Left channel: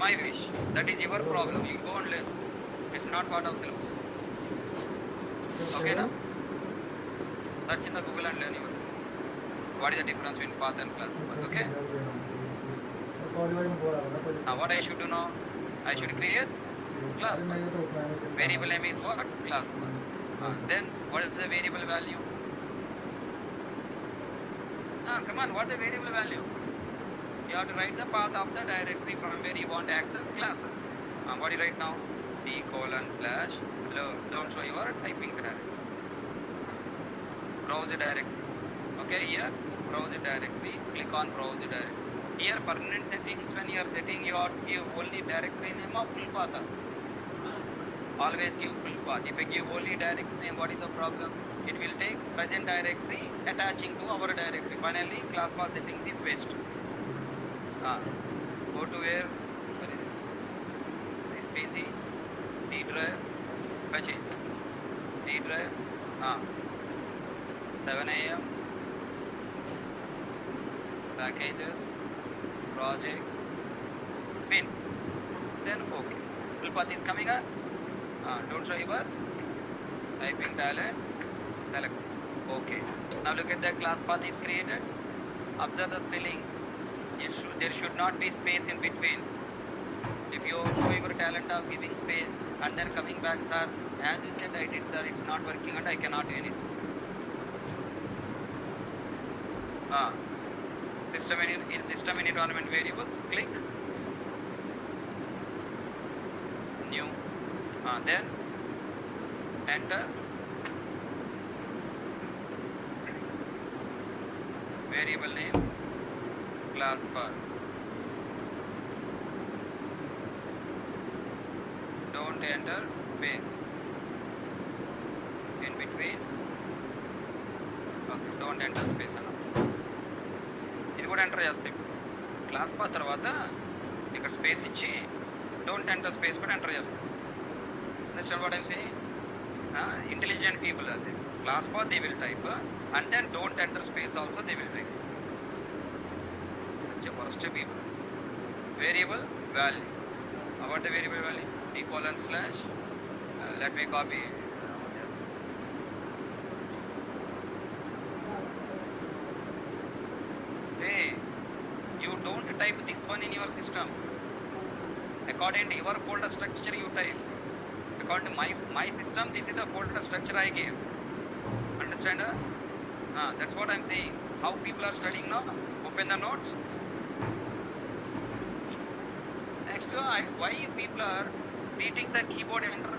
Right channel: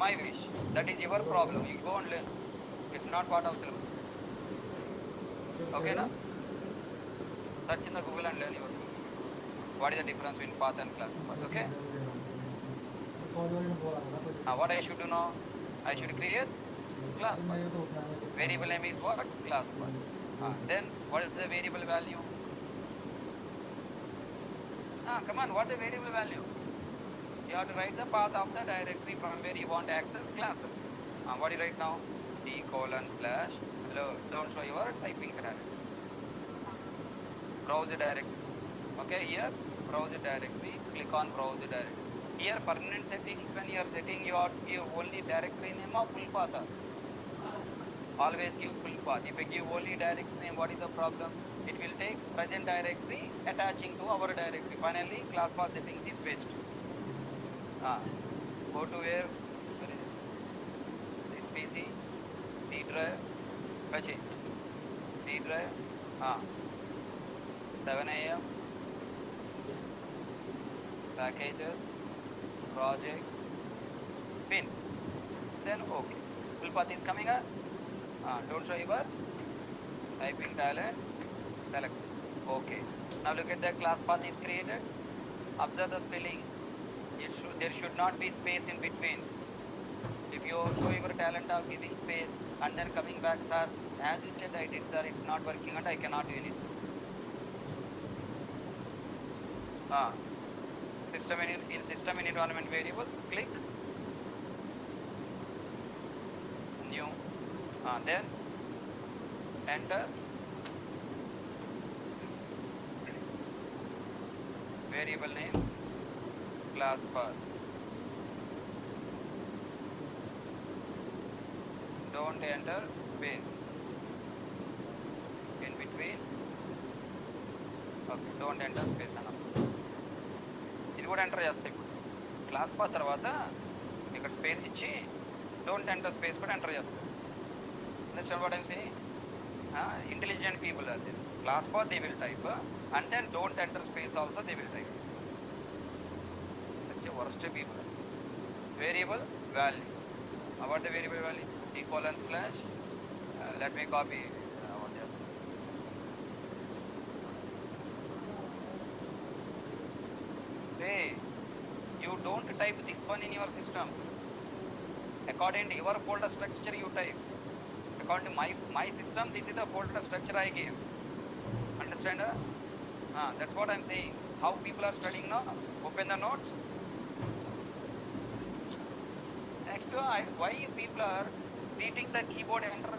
My wish. That is your problem. You go and learn. It's not part of syllabus. Okay, na? Search in the Google and learn yourself. What is the difference between path and class path? Okay. What I should do now? I should create class path. Variable name is what? Class path. Then what is the variable value? Come on. What is the variable value? You have to write the path of the directory from where you want to access classes. What do you write now? D:/. Don't show your typing directory. Browse the directory. Okay, here browse the directory. Click on browse the directory. Here permanent settings, when you are setting, you have to give only directory name of full path. Always give full path. If I give only directory name, what is the problem? It will take present directory attaching to our directory. Finally, class path settings is waste. Go to where? This PC, C drive, fetch it. C drive, 7 AM, packages, project, pin. Then okay. Full path is coming up. Don't show your typing talent. Select. Okay. Now look at the class path is created. Observe the spelling. There should not be space in between. If you show your talent of giving space and then coming back, sir, as you said, I did, sir, it's not working and I cannot do anything. System and environment variables, click new, then enter variable name class path. Don't enter space in between. Okay, don't enter space. ఇది కూడా enter చేస్తాయి. ఇప్పుడు class path తర్వాత ఇక్కడ space ఇచ్చి don't enter space కూడా enter చేస్తాం. Understand what I'm saying? Intelligent people are there. Class path they will type and then don't enter space also they will type. Such a worst people. Variable value. What the variable value? D:/. Let me copy. Hey, you don't type this one in your system. According to your folder structure you type. According to my system, this is the folder structure I gave. Understand? That's what I'm saying. How people are studying now? Open the notes. Next, why people are beating the keyboard enter?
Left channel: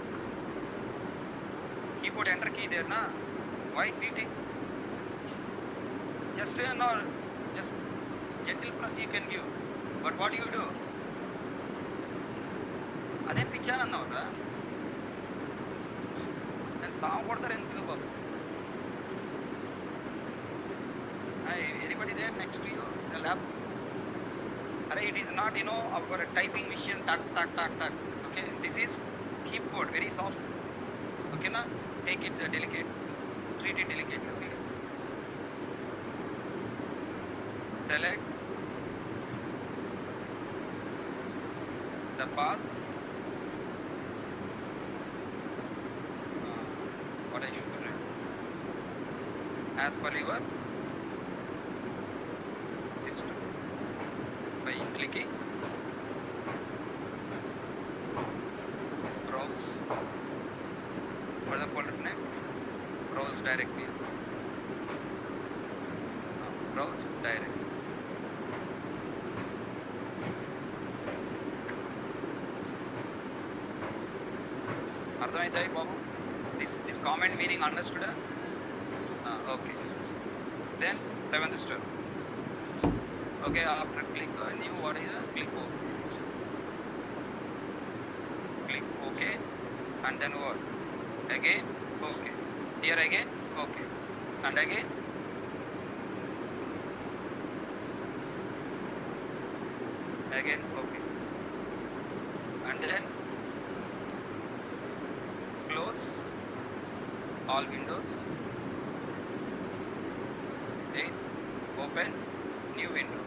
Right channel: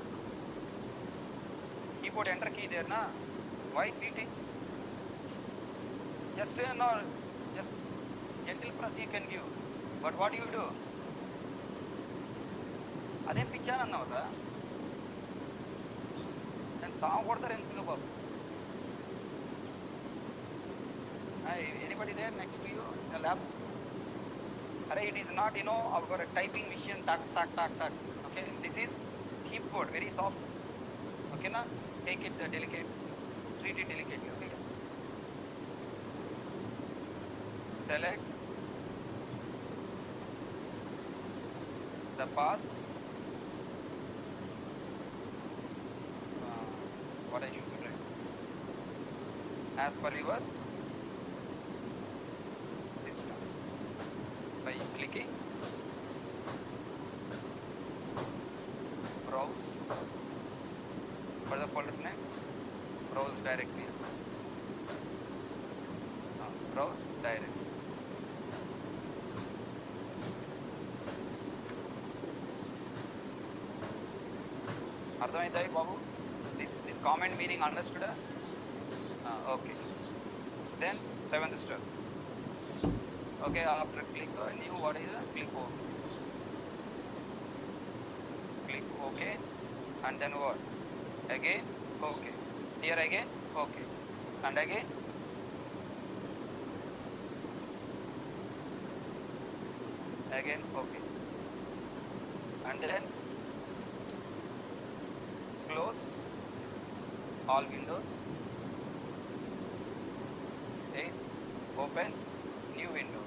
Keyboard enter key there, na? Why beating? Just just gentle press you can give. But what do you do? అదే picture అన్నావురా. Song కొడతారు ఎందుకు బాబు? Anybody there next to you? The lab? It is not, our typing machine, tuck. Okay, this is keyboard, very soft. Okay, na? Take it delicate. Treat it delicately, please. Select the path. What are you doing? As per your system. By clicking browse. What is the folder name? Browse directly. Browse directly. అర్థమైందా బాబు? This comment meaning understood? Okay. Then 7th step. Okay, after click on new, what is the click OK. Click OK, and then what? Again OK. Here again OK, and again OK, and then close all windows. Then open new window.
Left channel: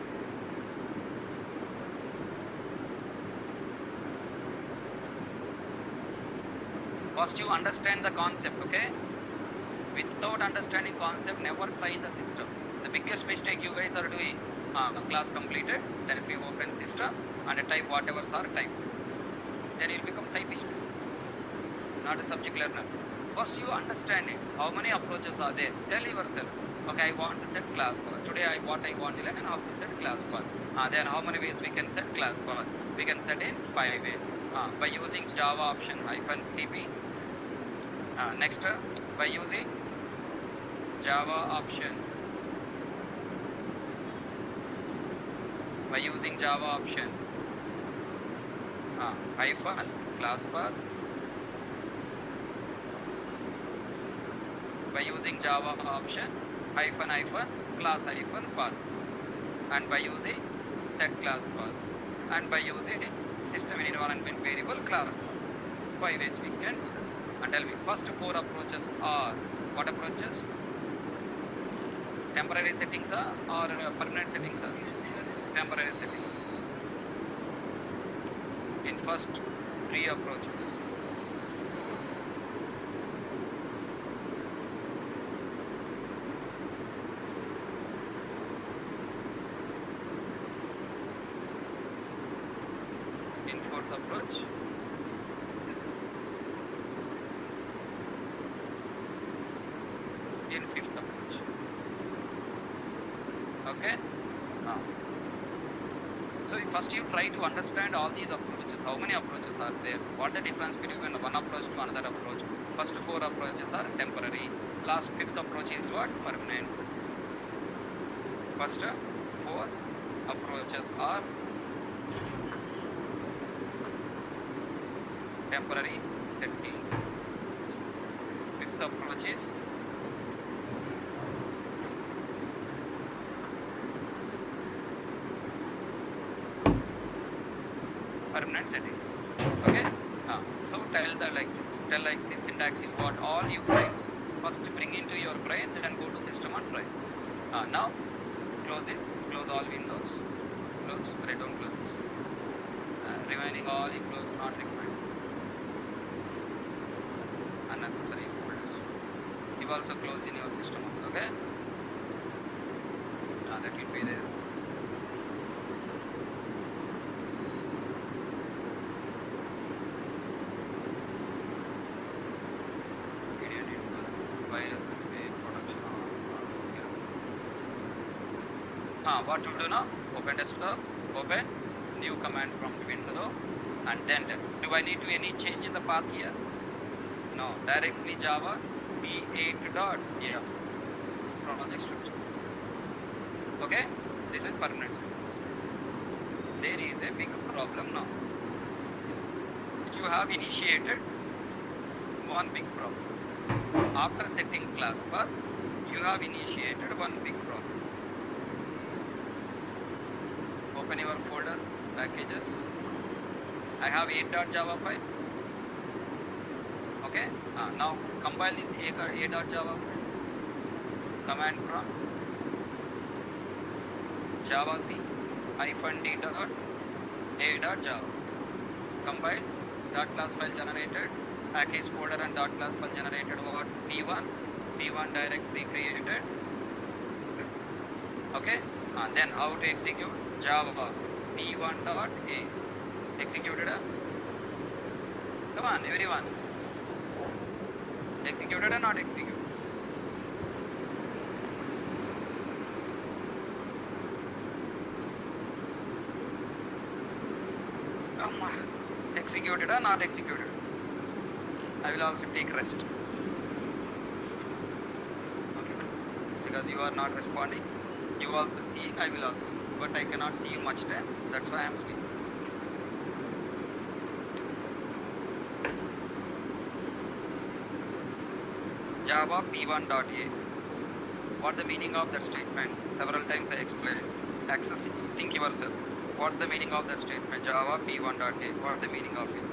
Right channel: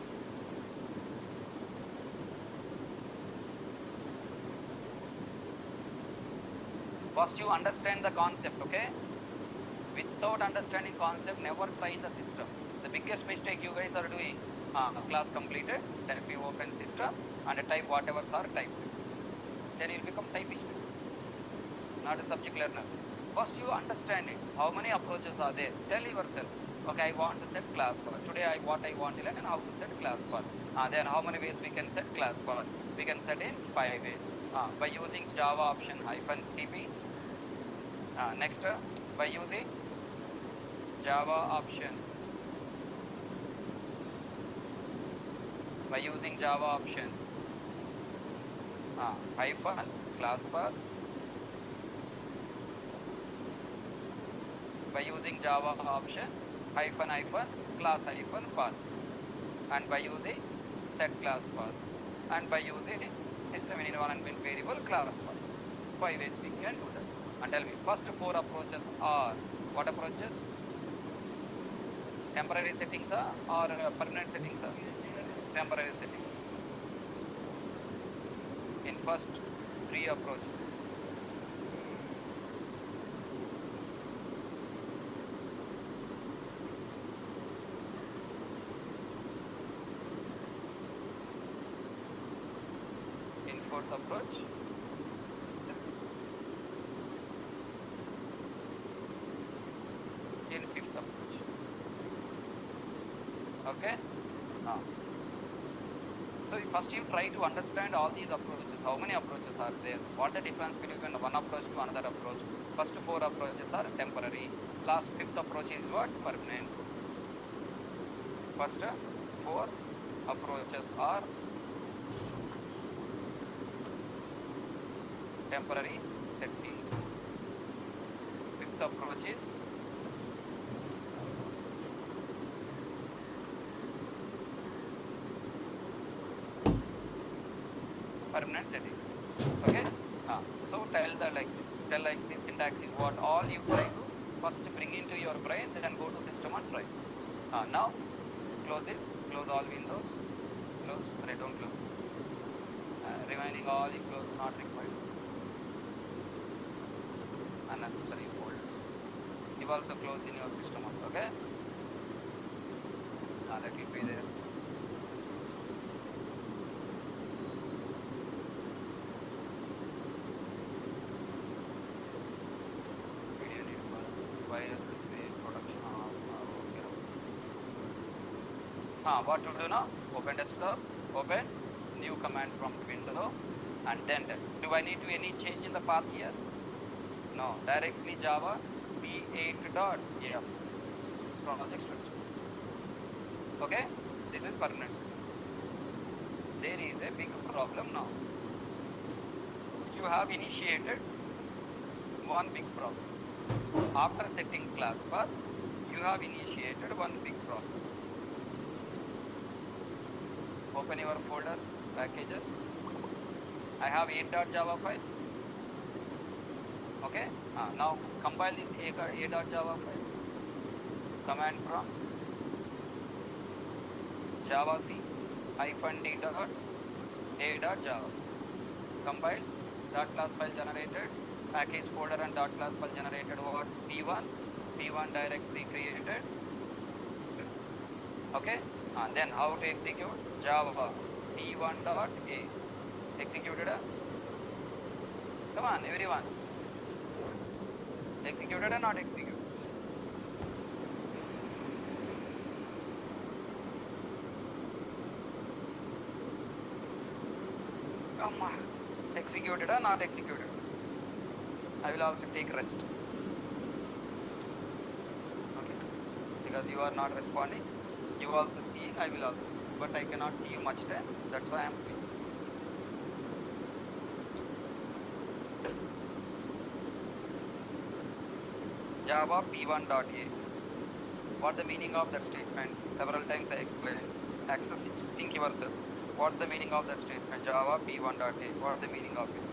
First you understand the concept, okay? Without understanding concept, never try the system. The biggest mistake you guys are doing, class completed, directly open system and type whatever are type. Then you'll become typist, not a subject learner. First you understand it. How many approaches are there? Tell yourself, okay, I want to set class path. Today I want to learn how to set class path. Then how many ways we can set class path? We can set in 5 ways. By using Java option -cp. Next, by using Java option. By using Java option hyphen class path. By using Java option hyphen class path, and by using set class path, and by using system and environment variable class. 5 ways we can do that. And tell me, first 4 approaches are what approaches? Temporary settings or permanent settings? Temporary settings. In first 3 approaches. In fourth approach. In fifth approach. Okay? So first you try to understand all these approaches. How many approaches are there? What the difference between one approach to another approach? First 4 approaches are temporary. Last 5th approach is what? Permanent. First 4 approaches are temporary settings. 5th approach is permanent settings. Okay? So tell like this syntax is what all you try. First bring into your brain and go to system and try. Now close this, close all windows, close, right, don't close this. Rewinding all you close, not required. Unnecessary folders. You also close in your system also, okay? That will be there. What to do now? Open desktop, open new command prompt window, and then do I need to any change in the path here? No, directly Java p8.f project structure. Okay, this is permanent. There is a big problem now. You have initiated one big problem. After setting class path, you have initiated one big problem. Open your folder, packages. I have a.java file. Okay. Now compile this a.java command from java c -d.a.java. Compile dot class file generated, package folder and dot class file generated what? p1 directory created. Okay. Then how to execute? Java p1.a executed. Come on, everyone. Executed or not executed? Come on. Executed or not executed? I will also take rest. Okay. Because you are not responding. You also see, I will also. But I cannot see much time, that's why I am sleeping. Java p1.a. What the meaning of that statement? Several times I explained. Access it. Think yourself. What the meaning of the statement? Java p1.a. What the meaning of it?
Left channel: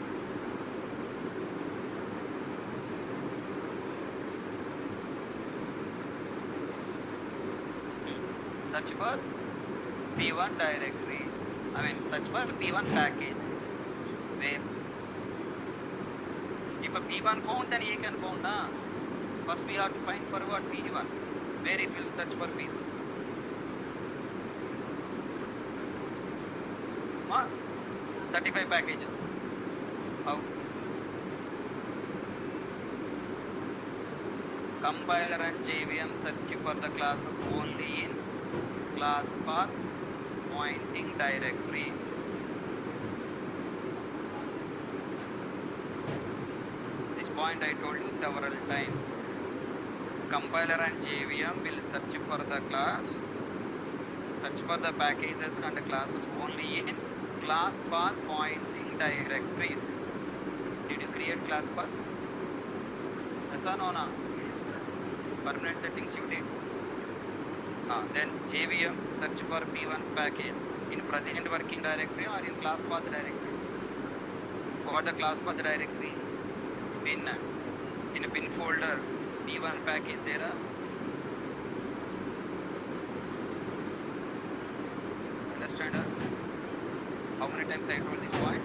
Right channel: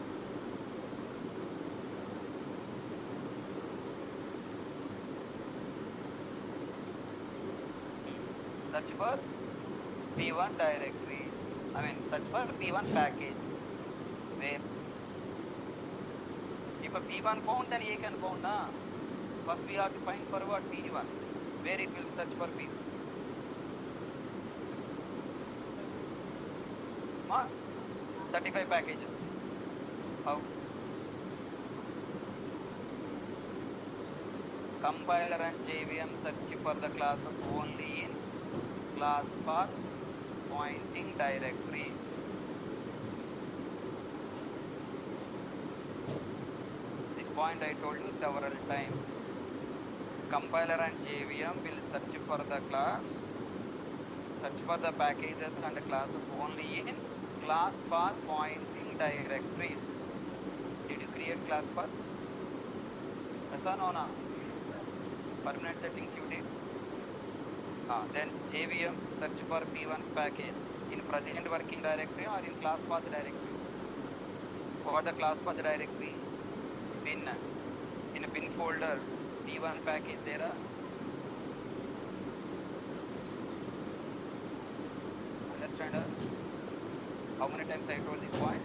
Search for p1 directory, search for p1 package where if a P1 found, then A can found. First we have to find for what? P1. Where it will search for P2. 35 packages. How? Compiler and JVM search for the classes only in class path pointing directory. This point I told you several times. Compiler and JVM will search for the packages and classes only in class path pointing directories. Did you create class path? Yes or no? Permanent settings you did. Then JVM search for P1 package in present working directory or in class path directory. What the class path directory? Bin. In a bin folder, P1 package there. Understand? How many times I told this point?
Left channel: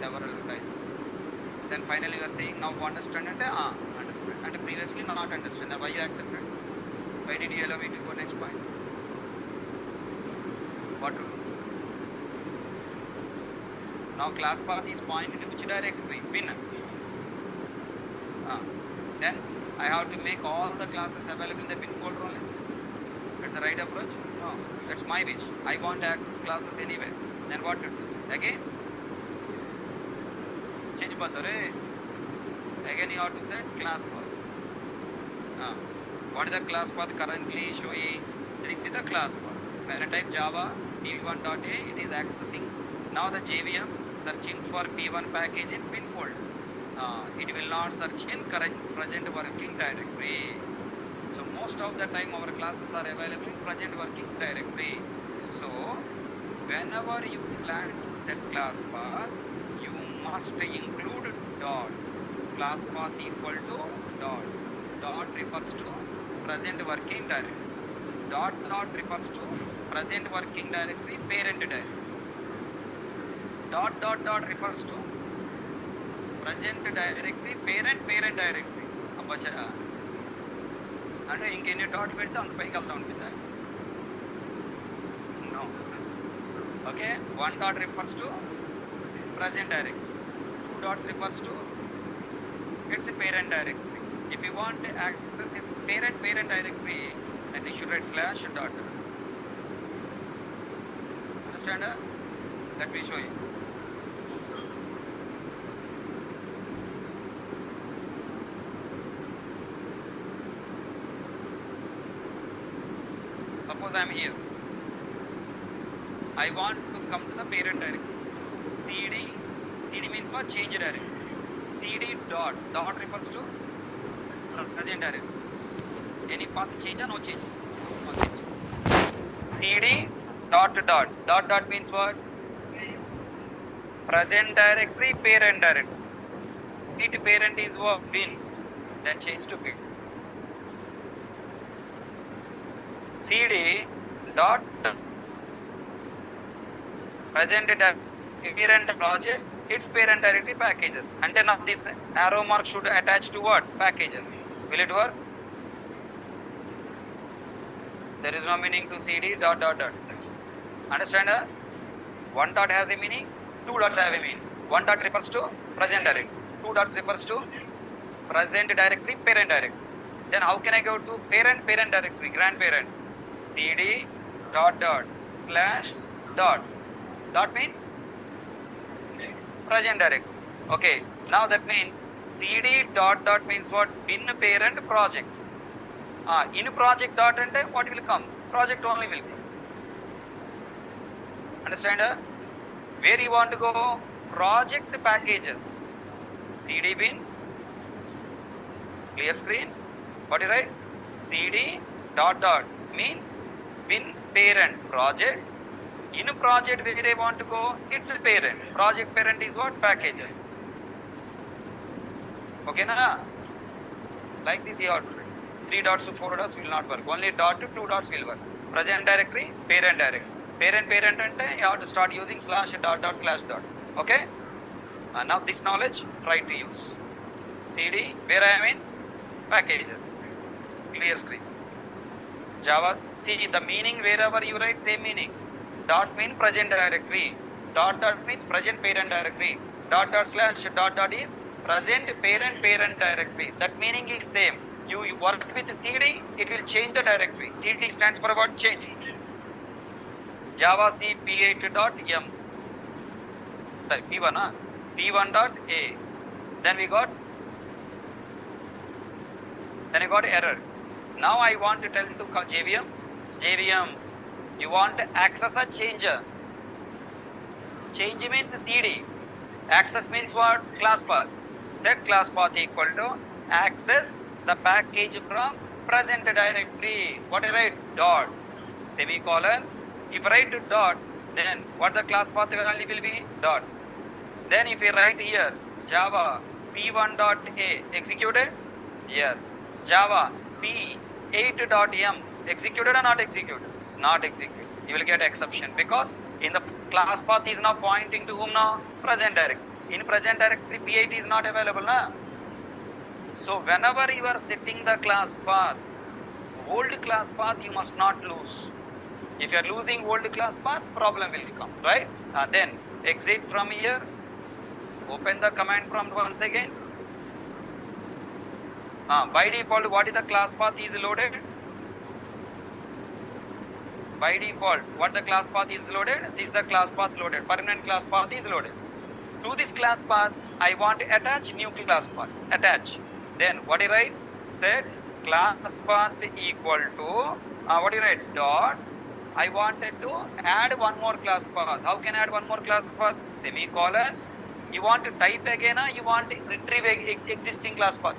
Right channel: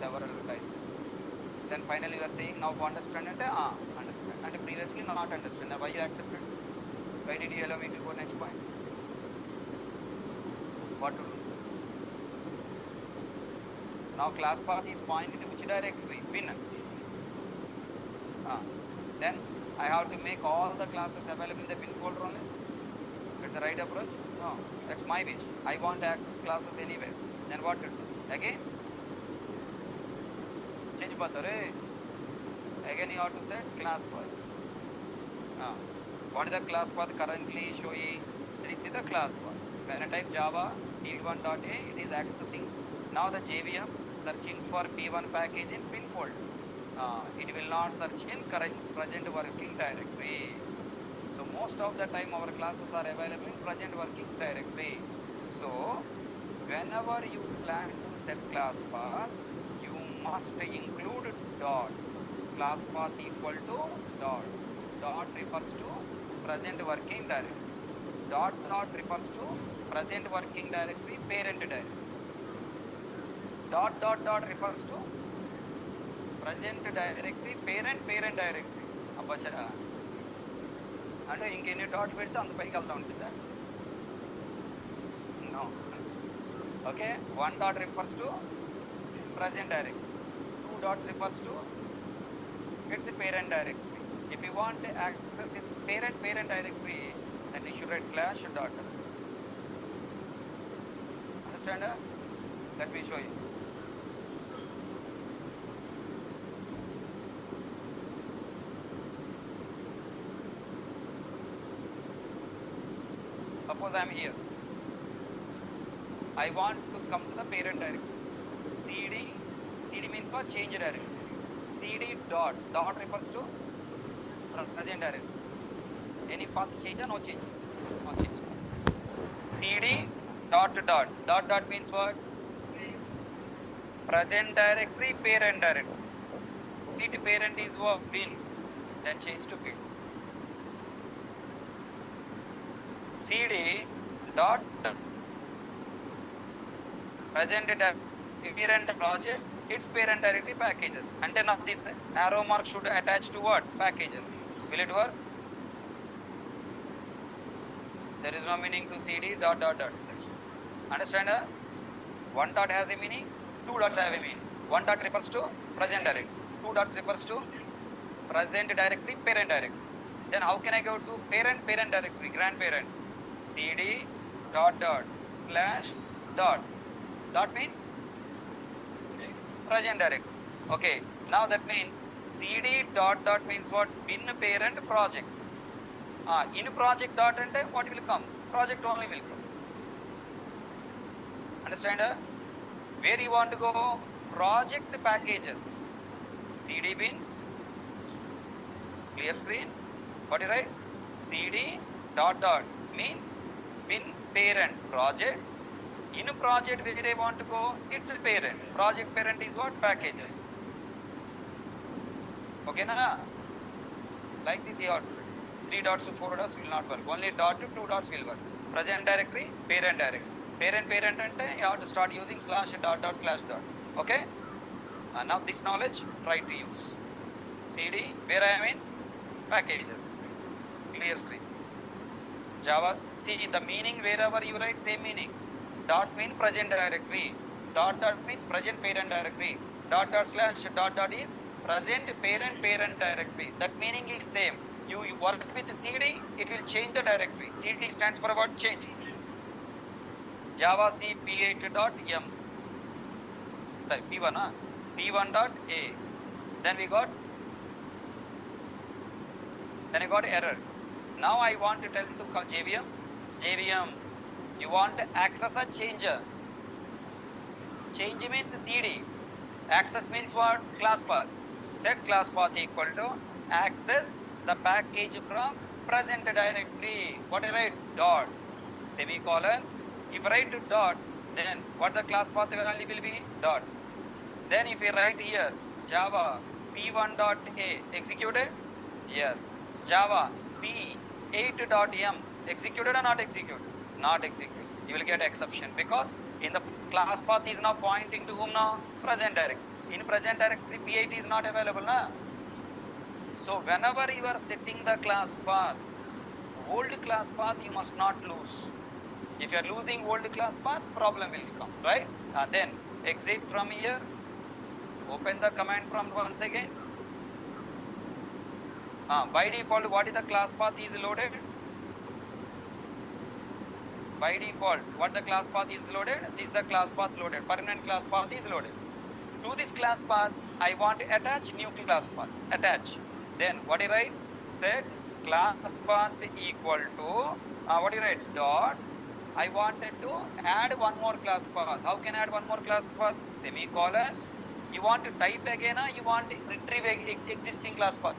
Several times. Then finally you are saying now understand it? Understand. And previously not understand. Why you accepted? Why did you allow me to go next point? What to do? Now class path is pointing to which directory? Bin. Then I have to make all the classes available in the bin folder only. That's the right approach? No. That's my wish. I want to access classes anyway. Then what to do? Again? Change path. Again you have to set class path. What is the class path currently showing? This is the class path. Parent type Java p1.a, it is accessing. Now the JVM searching for P1 package in bin folder. It will not search in present working directory. So most of the time our classes are available in present working directory. So whenever you plan to set class path, you must include dot. Class path equal to dot. Dot refers to present working directory. Dot refers to present working directory, parent directory. Dot refers to present directory, parent directory. And ఇంకెన్ని dot పెడితే అంత పైకి వెళ్తూ ఉంటుంది. Okay, 1 dot refers to present directory, 2 dot refers to its parent directory. If you want to access its parent directory, then you should write slash dot. Understand? Let me show you. Suppose I am here. I want to come to the parent directory. CD means what? Change directory. CD dot refers to present directory. Any path change or no change? No change. CD dot means what? Present directory, parent directory. It parent is what? Bin. Then change to bin. CD dot present parent project, its parent directory packages. And then this arrow mark should attach to what? Packages. Will it work? There is no meaning to CD dot. Understand? 1 dot has a meaning, 2 dots have a meaning. 1 dot refers to present directory, 2 dots refers to present directory, parent directory. Then how can I go to parent directory, grandparent? CD dot slash dot. Dot means present directory. Okay, now that means CD dot means what? In parent project. In project dot and what will come? Project only will come. Understand? Where you want to go? Project packages. CD bin. Clear screen. What is right? CD dot means bin parent project. In project where they want to go, it's a parent. Project parent is what? Packages. Okay, na? Like this you have to write. 3 dots to 4 dots will not work. Only dot to 2 dots will work. Present directory, parent directory. Parent and you have to start using slash dot slash dot. Okay? Now this knowledge try to use. CD, where I am in packages. Clear screen. Java, see the meaning wherever you write same meaning. Dot means present directory. Dot means present parent directory. Dot slash dot is present parent directory. That meaning is same. You work with CD, it will change the directory. CD stands for what? Change. Java C P8.m. Sorry, P1, P1.a. Then we got error. Now I want to tell to JVM. JVM, you want to access a changer. Change means CD. Access means what? Class path. Set class path equal to access the package from present directory. What I write? Dot. Semicolon. If I write dot, then what the class path value will be? Dot. Then if we write here Java P1.a executed? Yes. Java P8.m executed or not executed? Not executed. You will get exception because in the class path is now pointing to whom now? Present directory. In present directory P8 is not available now. So whenever you are setting the class path, old class path you must not lose. If you are losing old class path, problem will come, right? Then exit from here, open the command prompt once again. By default, what is the class path is loaded? By default, what the class path is loaded? This is the class path loaded. Permanent class path is loaded. To this class path, I want to attach new class path. Attach. Then what do you write? Set class path equal to what do you write? Dot. I wanted to add one more class path. How can I add one more class path? Semicolon. You want to type again, you want to retrieve existing class path.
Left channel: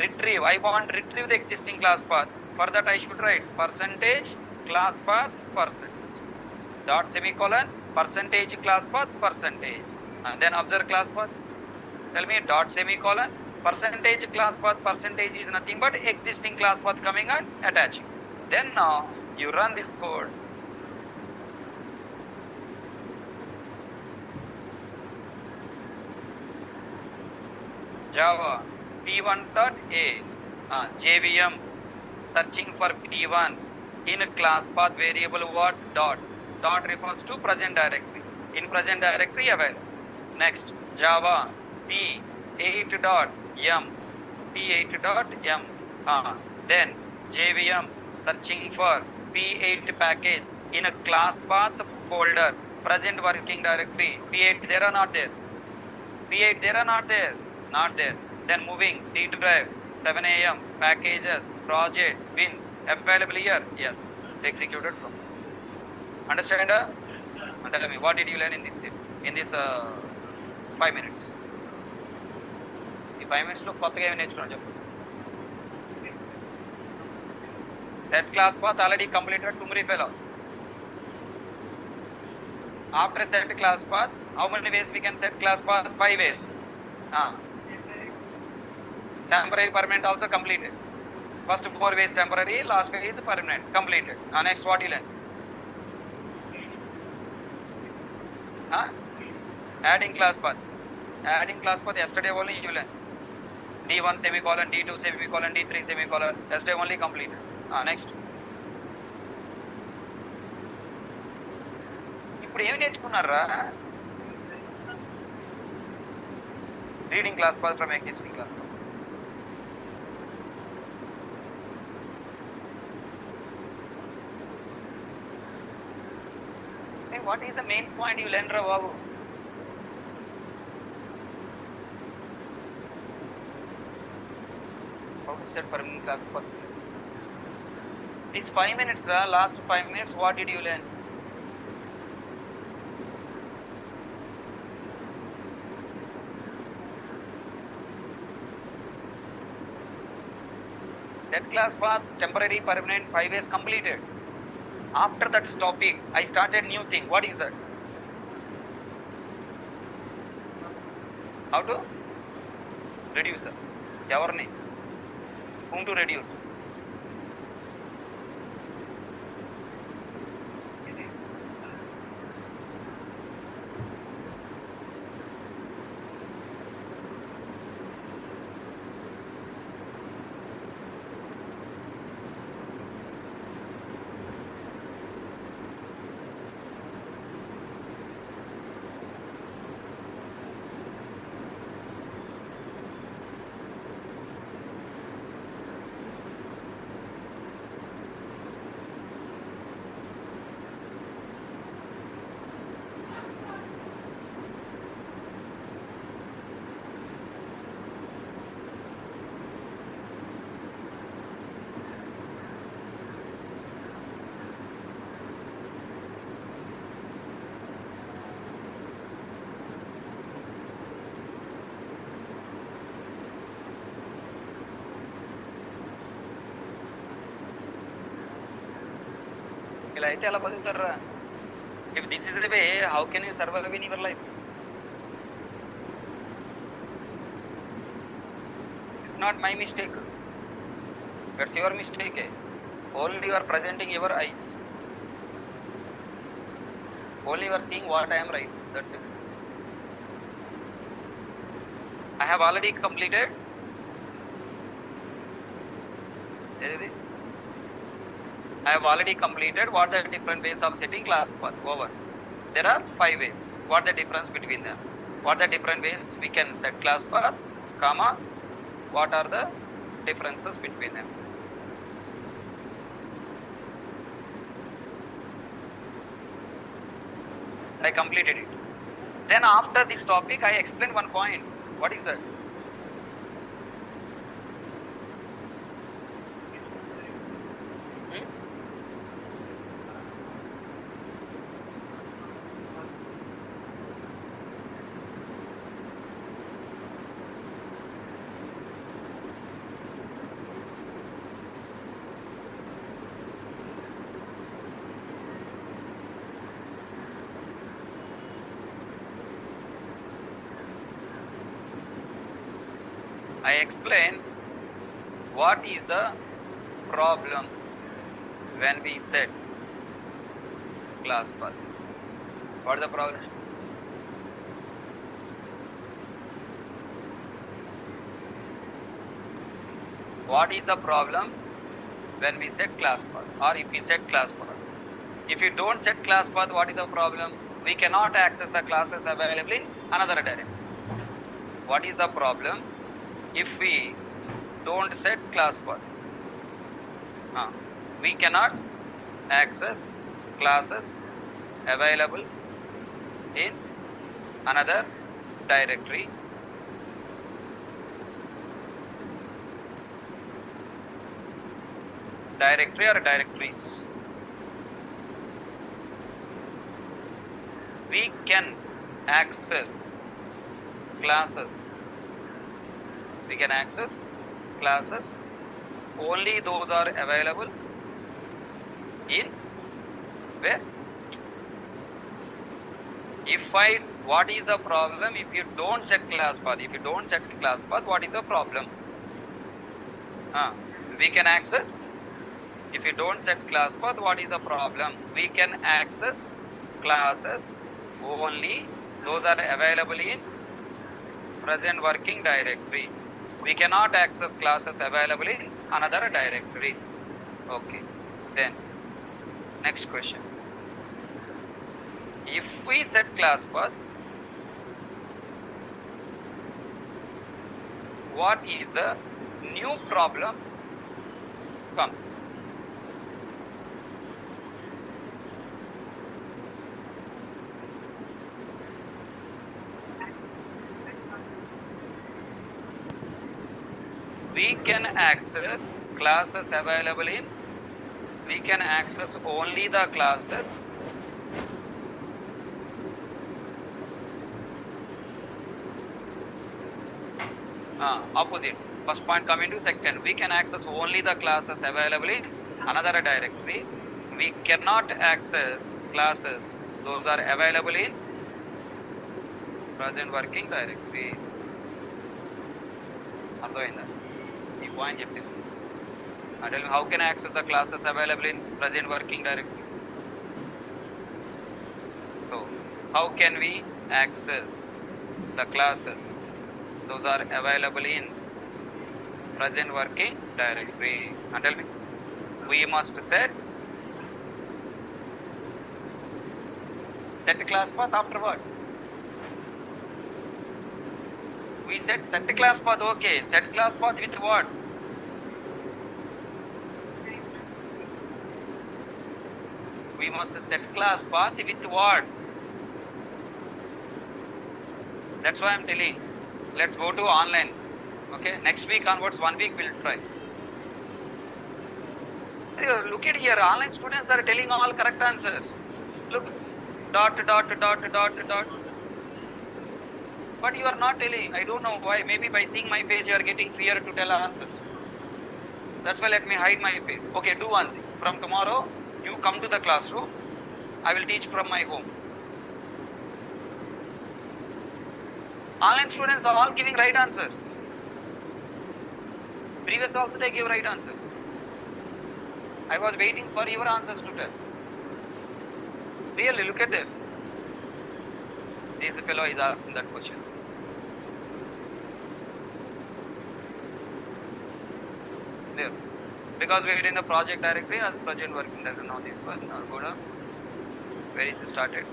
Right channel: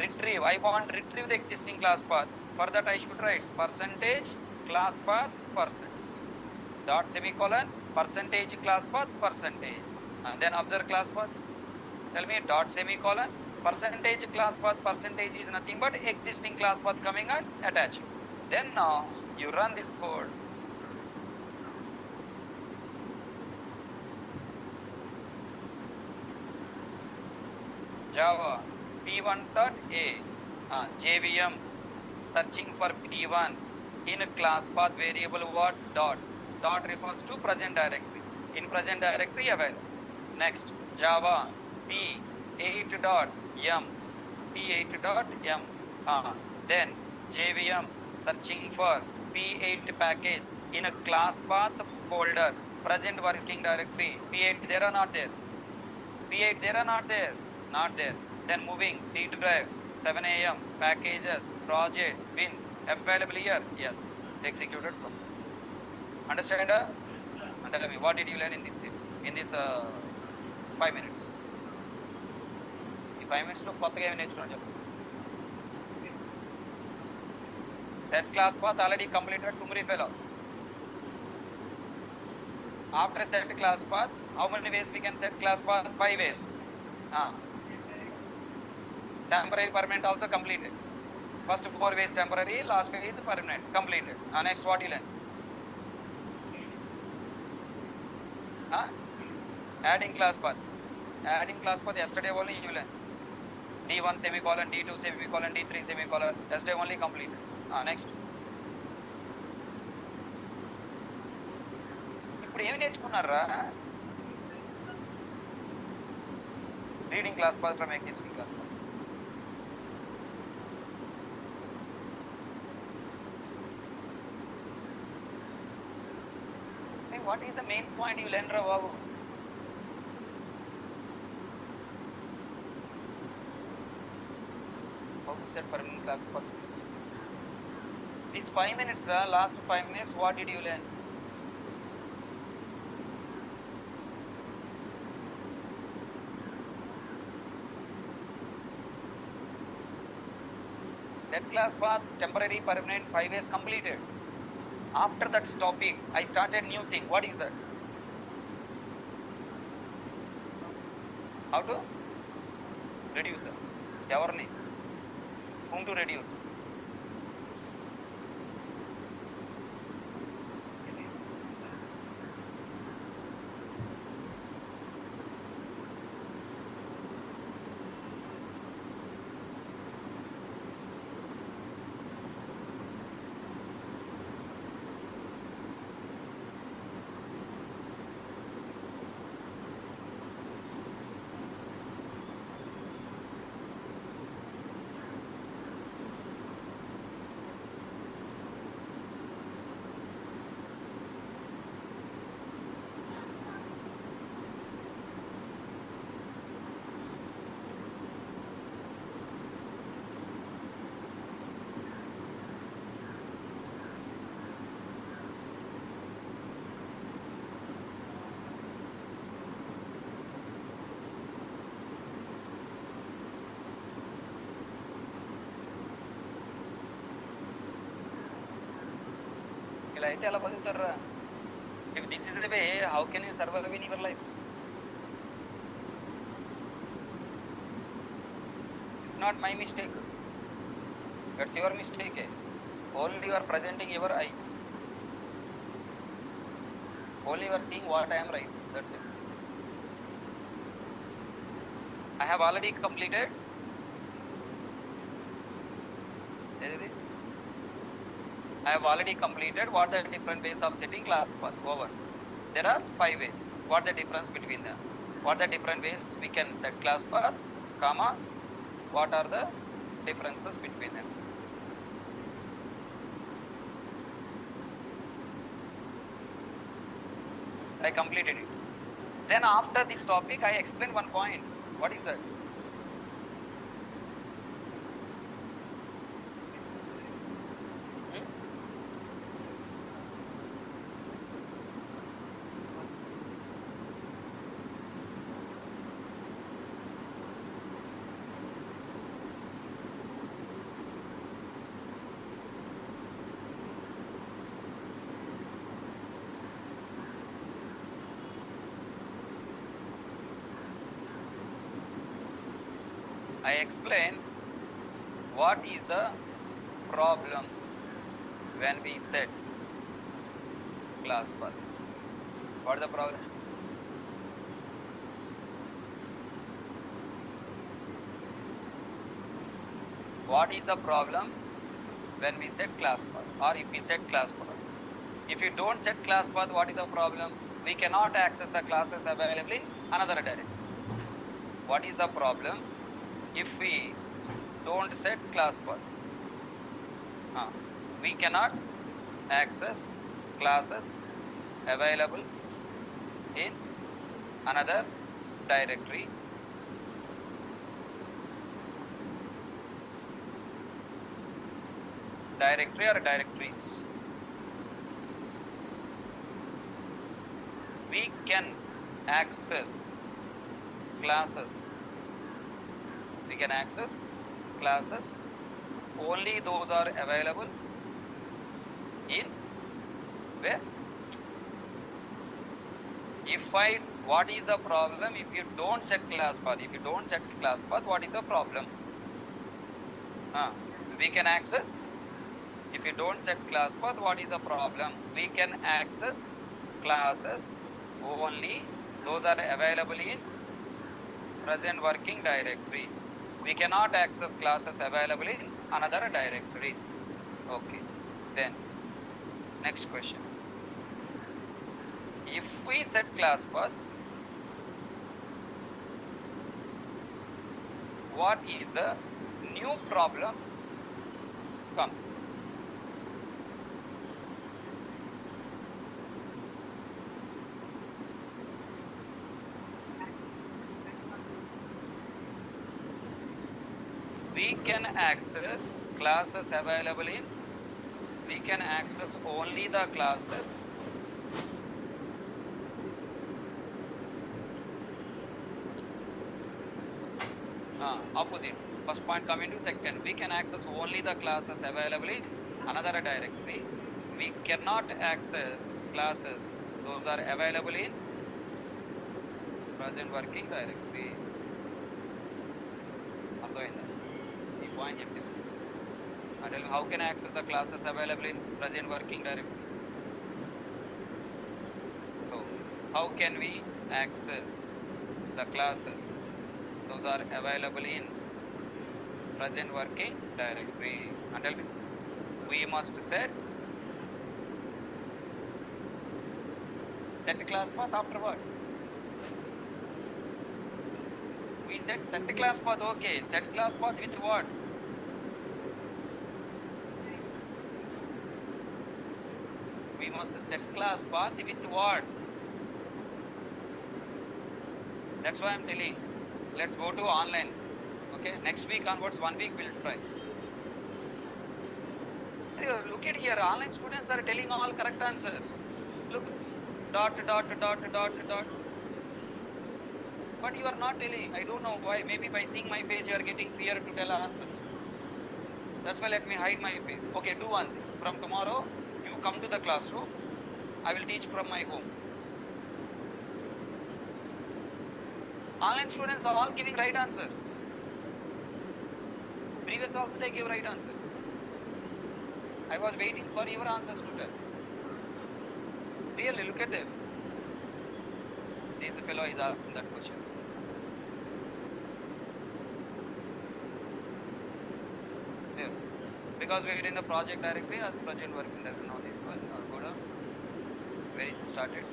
Retrieve. I want to retrieve the existing class path. For that I should write percentage class path percent. Dot semicolon percentage class path percentage. And then observe class path. Tell me dot semicolon percentage class path percentage is nothing but existing class path coming and attaching. Then now you run this code. Java P1.a JVM searching for P1 in class path variable what? Dot. Dot refers to present directory. In present directory available. Next Java P8.m P8.m then JVM searching for P8 package in a class path folder present working directory. P8 there or not there? P8 there or not there? Not there. Then moving D drive 7 AM packages project bin available here. Yes, executed. Understand? Tell me what did you learn in this 5 minutes? In 5 minutes lo kottaga em nechukunnam cheppu. Set class path already completed Tumri fellow. After set class path, how many ways we can set class path? 5 ways. Temporary permanent also completed. First 4 ways temporary, last way is permanent. Completed. Next what you learn? Adding class path. Adding class path yesterday only you learn. D1 semicolon, D2 semicolon, D3 semicolon. Yesterday only completed. Next. ఇప్పుడు ఏమి నేర్చుకున్నారా? Reading class path from existing class. Hey, what is the main point you learned, Babu? Set for class path. This 5 minutes, last 5 minutes, what did you learn? That class path, temporary, permanent, 5 ways completed. After that stopping, I started new thing. What is that? How to reduce that? Evarni? Whom to reduce? అయితే ఎలా బతుకుతారా? If this is the way, how can you survive in your life? It's not my mistake. That's your mistake. Only you are presenting your eyes. Only you are seeing what I am right. That's it. I have already completed. I have already completed what are the different ways of setting class path. Over. There are 5 ways. What the difference between them? What are the different ways we can set class path, comma, what are the differences between them? I completed it. Then after this topic, I explain one point. What is that? I explain what is the problem when we set class path. What is the problem? What is the problem when we set class path, or if we set class path? If you don't set class path, what is the problem? We cannot access the classes available in another directory. What is the problem if we don't set class path? We cannot access classes available in another directory. Directory or directories. We can access classes. We can access classes only those are available in where? What is the problem if you don't set class path? If you don't set class path, what is the problem? We can access. If you don't set class path, what is the problem? We can access classes only those are available in present working directory. We cannot access classes available in another directories. Okay. Then next question. If we set class path, what is the new problem comes? We can access classes available in, we can access only the classes opposite. First point coming to second. We can access only the classes available in another directories. We cannot access classes those are available in present working directory. అర్థమైందా ఈ point చెప్తే? Tell me, how can I access the classes available in present working directory? So how can we access the classes those are available in present working directory? Tell me, we must set class path afterward. We set class path. Okay, set class path with what? We must set class path with what? That's why I'm telling. Let's go to online. Okay, next week onwards, 1 week we'll try. Look at here, online students are telling all correct answers. Look, dot. But you are not telling. I don't know why. Maybe by seeing my face you are getting fear to tell answers. That's why let me hide my face. Okay, do one thing. From tomorrow, You come to the classroom, I will teach from my home. Online students are all giving right answers. Previous also they give right answers. I was waiting for your answers to tell. Really, look at them. This fellow is asking that question. There. Because we are in the project directory as project working directory. Now this one, go down. Where is it started?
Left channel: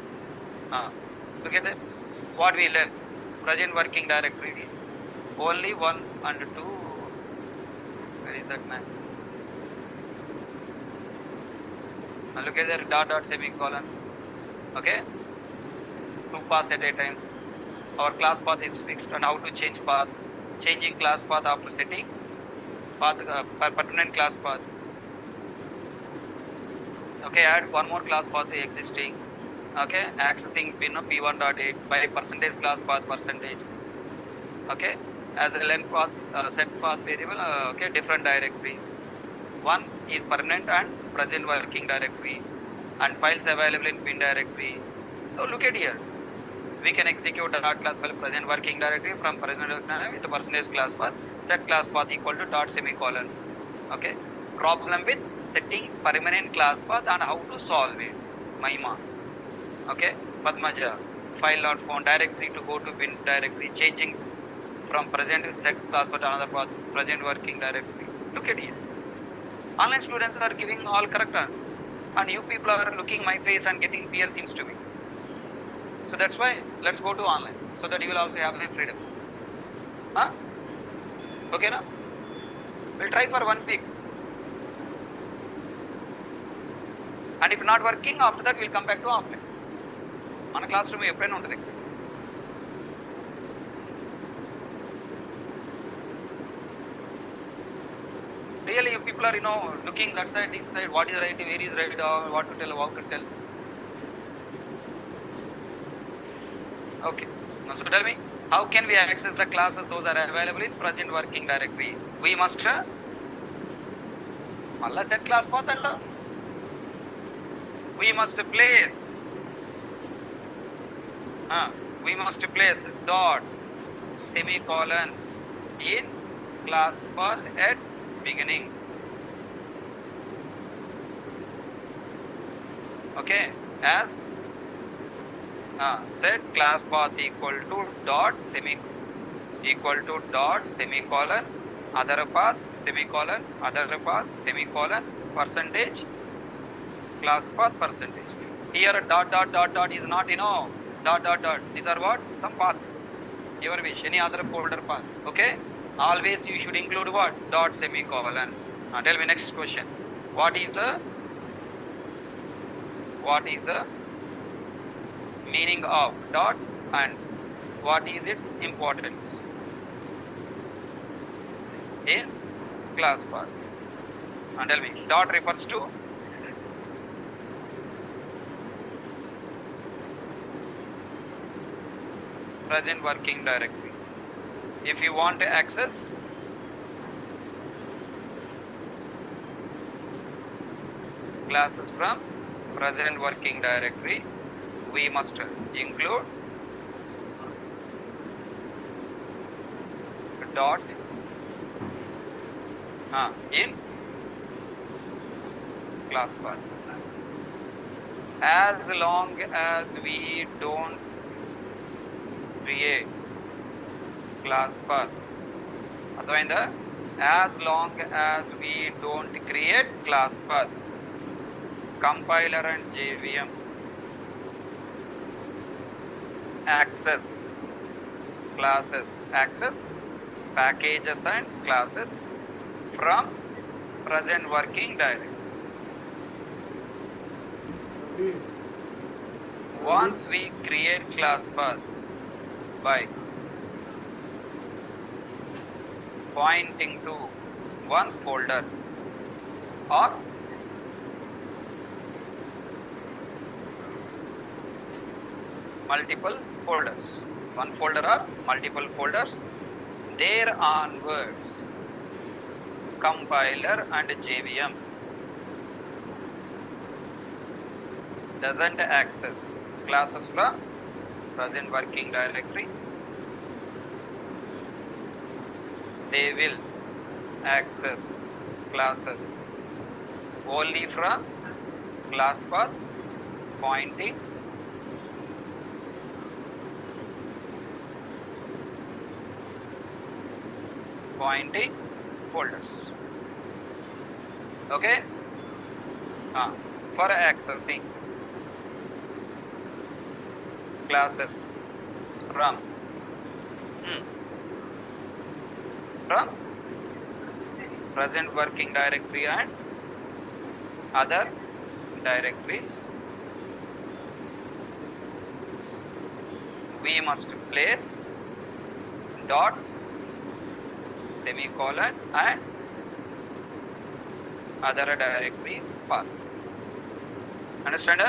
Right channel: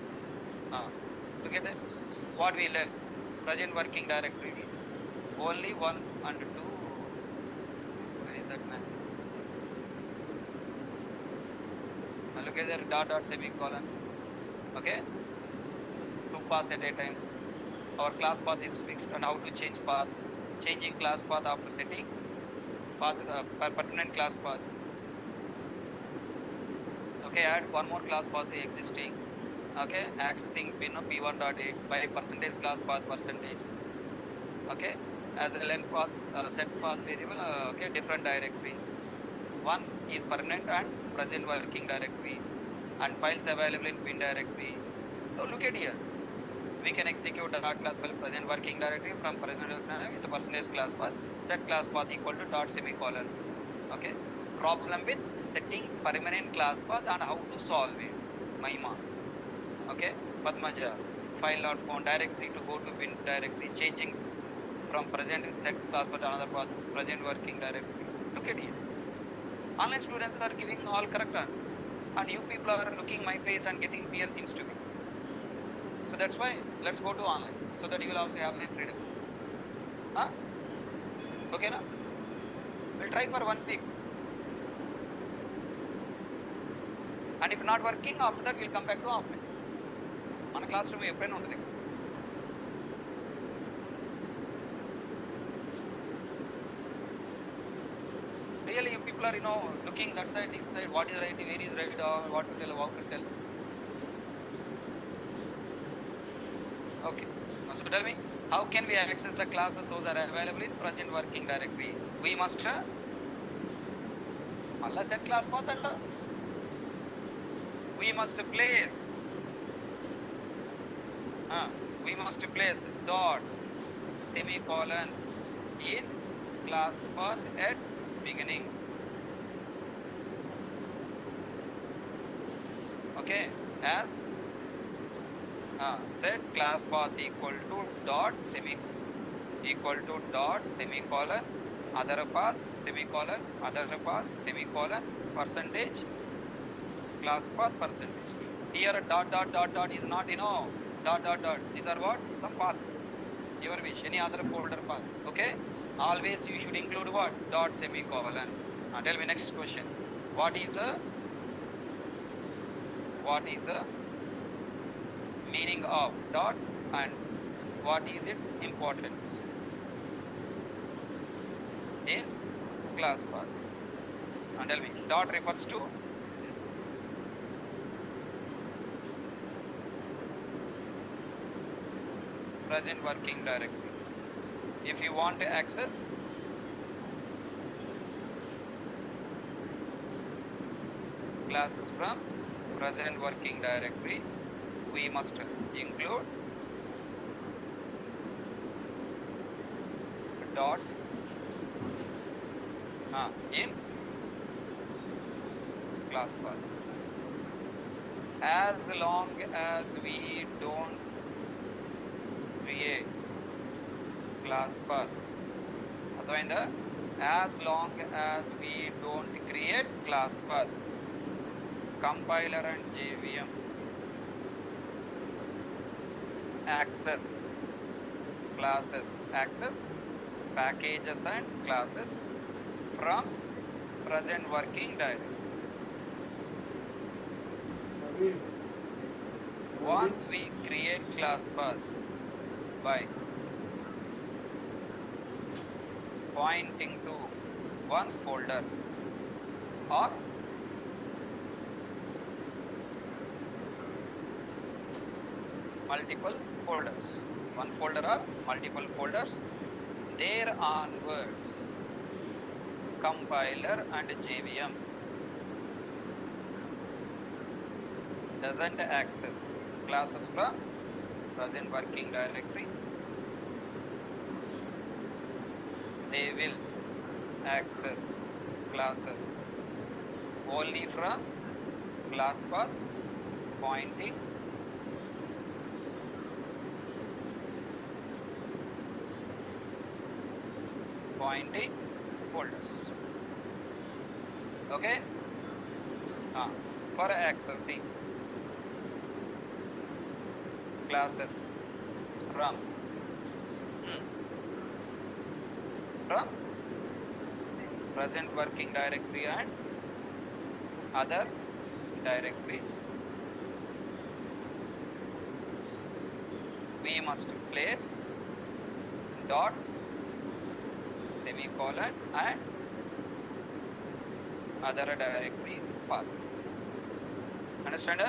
Look at that. What we left. Present working directory. Only 1 and 2. Where is that man? Now look at that dot semicolon. Okay. 2 paths at a time. Our class path is fixed and how to change paths. Changing class path after setting path pertinent class path. Okay, add one more class path existing. Okay, accessing pin of p1.8 by percentage class path percentage. Okay, as a length path set path variable. Okay, different directories. One is permanent and present working directory, and files available in pin directory. So look at here. We can execute dot class file present working directory from present directory with the percentage class path, set class path equal to dot semicolon. Okay, problem with setting permanent class path and how to solve it. Mahima. Okay, Padmaja, file not found directory to go to bin directory, changing from present set class path to another path, present working directory. Look at here. Online students are giving all correct answers, and you people are looking my face and getting fear seems to be. So that's why let's go to online so that you will also have the freedom. Huh? Okay, now we'll try for 1 week. And if not working, after that we'll come back to offline. On a classroom, you pen on the really, you people are looking that side, this side, what is right, where is right, what to tell, how to tell. Okay. Now, so tell me, how can we access the classes those are available in present working directory? We must set class path and we must place dot semicolon in class path at beginning. Okay, as set class path equal to dot semicolon other path semicolon percentage class path percentage. Here dot is not dot. These are what? Some path. Your wish, any other folder path. Okay? Always you should include what? Dot semicolon. Now tell me next question. What is the meaning of dot and what is its importance in class path? And tell me, dot refers to present working directory. If you want to access classes from present working directory, we must include dot in class path. As long as we don't create class path, as long as we don't create class path, compiler and JVM access packages and classes from present working directory. Once we create class path by pointing to one folder or multiple folders, one folder or multiple folders, there onwards compiler and JVM doesn't access classes from present working directory, they will access classes only from class path pointing folders. Okay, for accessing classes from present working directory and other directories, we must place dot, semicolon and other directories path. Understand?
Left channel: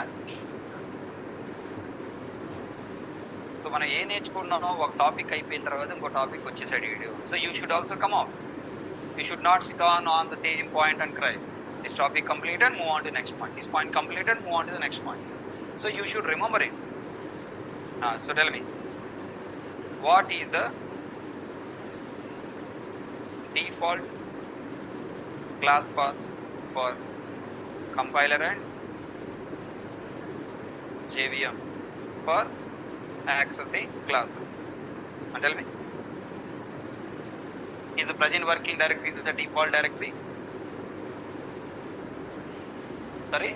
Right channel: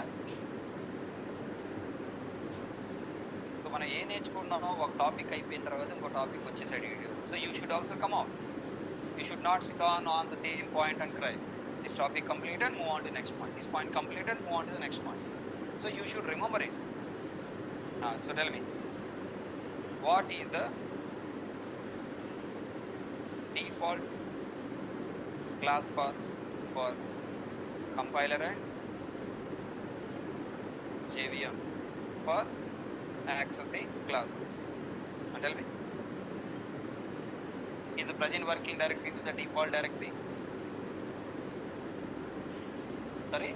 So మనం ఏ నేర్చుకున్నామో ఒక topic అయిపోయిన తర్వాత ఇంకో topic వచ్చేసాడు video. So you should also come out. You should not sit on the same point and cry. This topic completed, move on to the next point. This point completed, move on to the next point. So you should remember it. So tell me, what is the default class path for compiler and JVM for accessing classes? And tell me, is the present working directory the default directory? Sorry?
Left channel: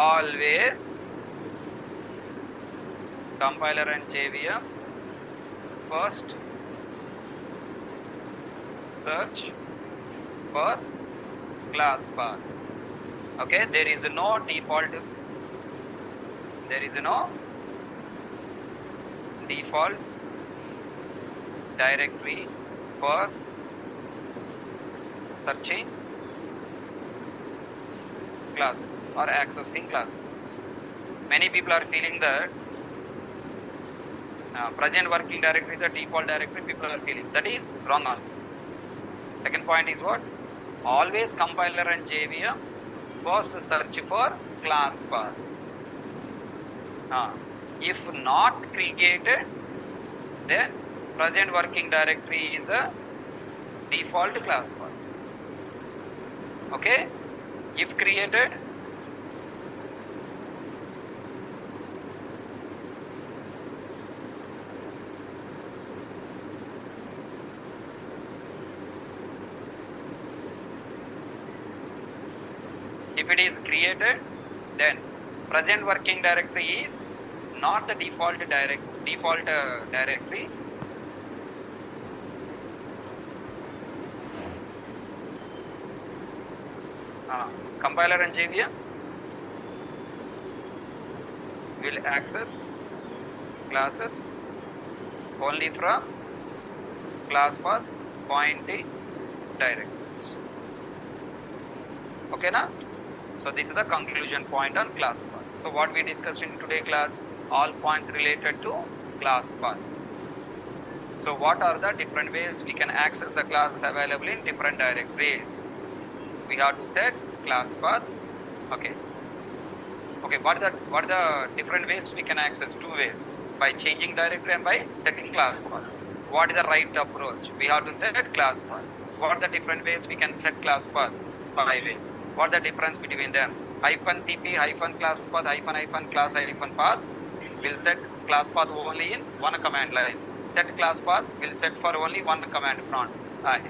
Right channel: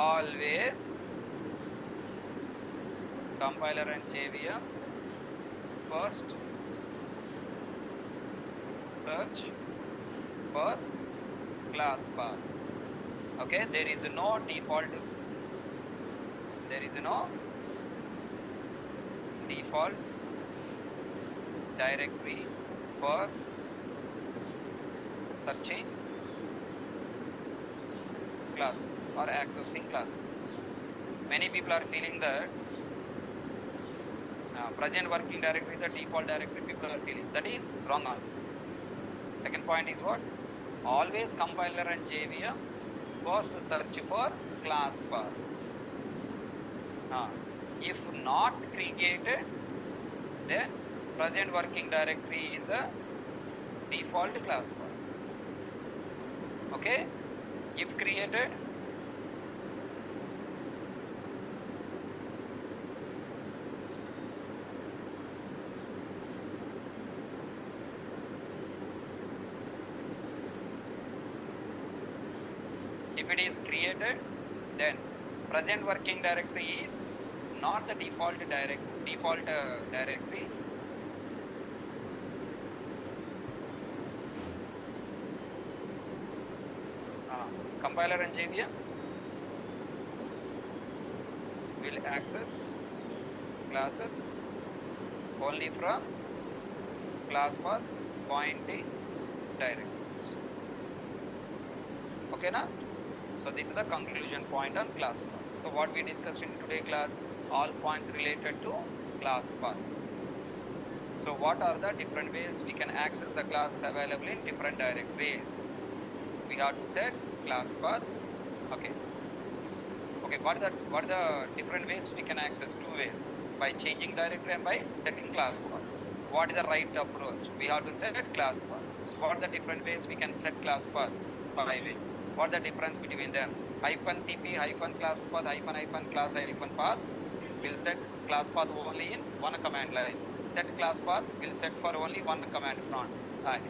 Always compiler and JVM first search for class path. Okay, there is no default directory for searching classes or accessing classes. Many people are feeling that present working directory is the default directory. People are feeling that is wrong also. Second point is what? Always compiler and JVM first search for class path. If not created, then present working directory is the default class path. Okay, if created, if it is created, then present working directory is not the default directory. Compiler and JVM will access classes only from class path pointing directories. Okay na? So this is the conclusion point on class path. So what we discussed in today's class, all points related to class path. So what are the different ways we can access the class available in different directories? We have to set class path. Okay, what are the different ways we can access? Two ways, by changing directory and by setting class path. What is the right approach? We have to set class path. What are the different ways we can set class path? 5 ways. What is the difference between them? -cp -class path -class path will set class path only in one command line. Set class path will set for only one command prompt.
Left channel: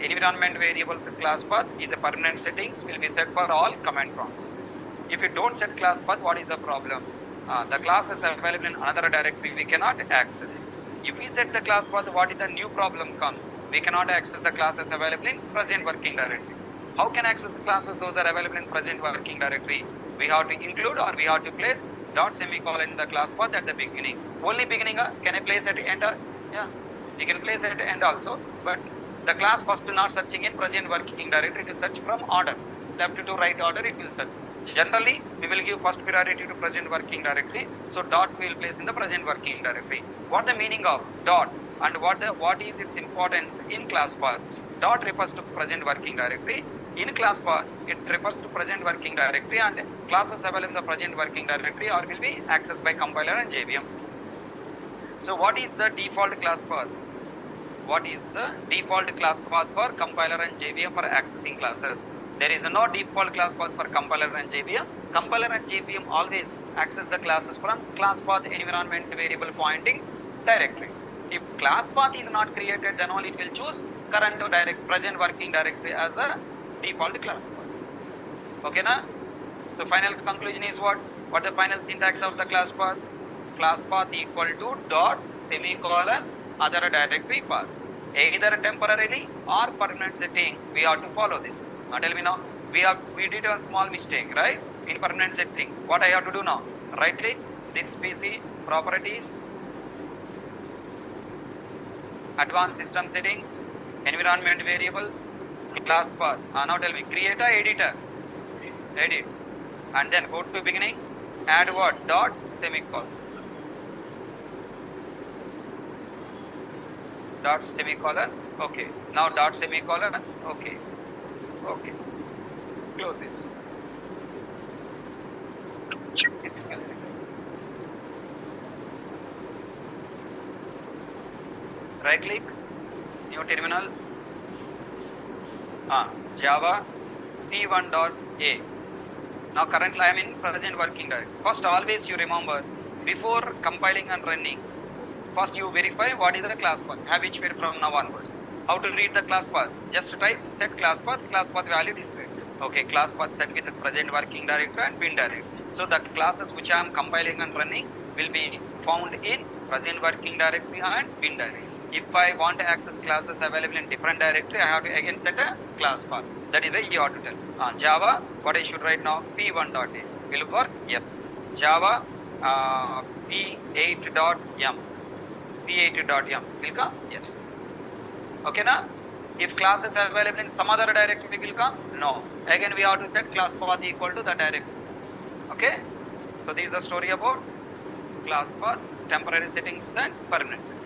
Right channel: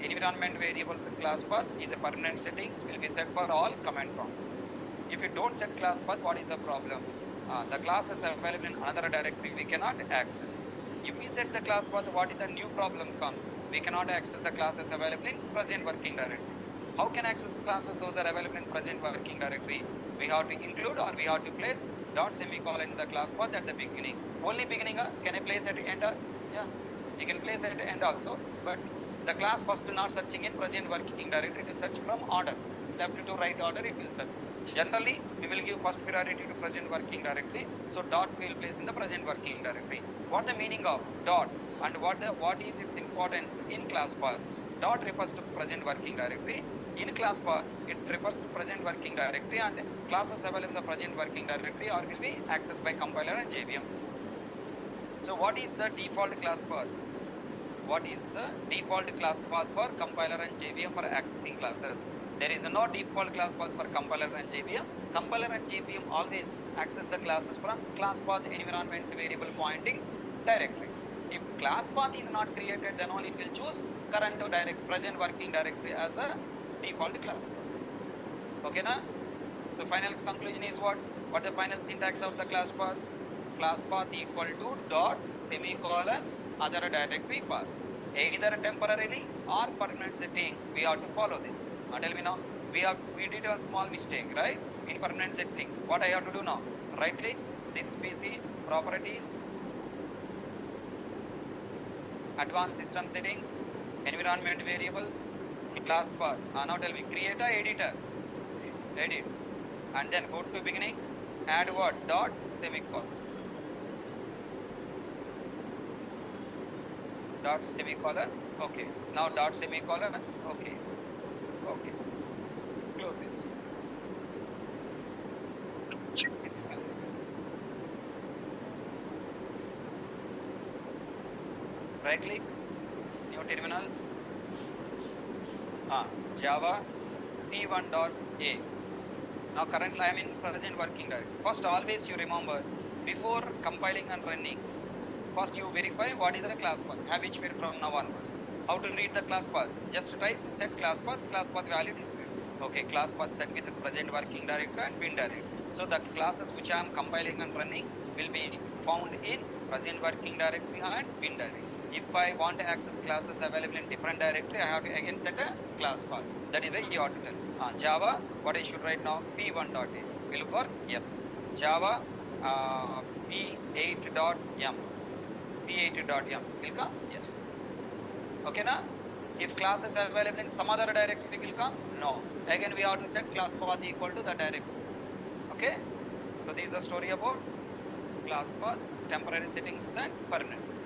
Environment variables class path is a permanent settings, will be set for all command prompts. If you don't set class path, what is the problem? The class is available in another directory, we cannot access it. If we set the class path, what is the new problem comes? We cannot access the classes available in present working directory. How can access the classes those are available in present working directory? We have to include or we have to place dot semicolon in the class path at the beginning. Only beginning, can I place at end? Yeah, you can place at end also, but the class first not searching in present working directory, it will search from order, left to right order it will search. Generally, we will give first priority to present working directory, so dot we will place in the present working directory. What the meaning of dot and what is its importance in class path? dot refers to present working directory. In class path, it refers to present working directory, and classes available in the present working directory or will be accessed by compiler and JVM. So what is the default class path? What is the default class path for compiler and JVM for accessing classes? There is no default class path for compiler and JVM. Compiler and JVM always access the classes from class path environment variable pointing directories. If class path is not created, then only it will choose current present working directory as the default class path. Okay, na? So final conclusion is what? What the final syntax of the class path? Class path equal to dot semicolon other directory path. Either temporarily or permanent setting, we have to follow this. Now tell me now, we did a small mistake, right? In permanent settings. What I have to do now? Right click, this PC, properties, advanced system settings, environment variables, class path. Now tell me, create a editor, edit, and then go to beginning, add what? Dot semicolon. Dot semicolon, okay. Now dot semicolon, okay. Okay. Close this. It's correct. Right click, new terminal, Java p1.a. Now currently I am in present working directory. First always you remember, before compiling and running, first you verify what is the class path, habituate from now onwards. How to read the class path? Just type set class path value display. Okay, class path set with the present working directory and bin directory. So the classes which I am compiling and running will be found in present working directory and bin directory. If I want to access classes available in different directory, I have to again set a class path. That is the you have to tell. Java, what I should write now? p1.a. We look for yes. Java p8.m. p8.m. Will come? Yes. Okay, na? If class is available in some other directory, will come? No. Again, we have to set class path equal to the directory. Okay? So, this is the story about class path, temporary settings and permanent settings.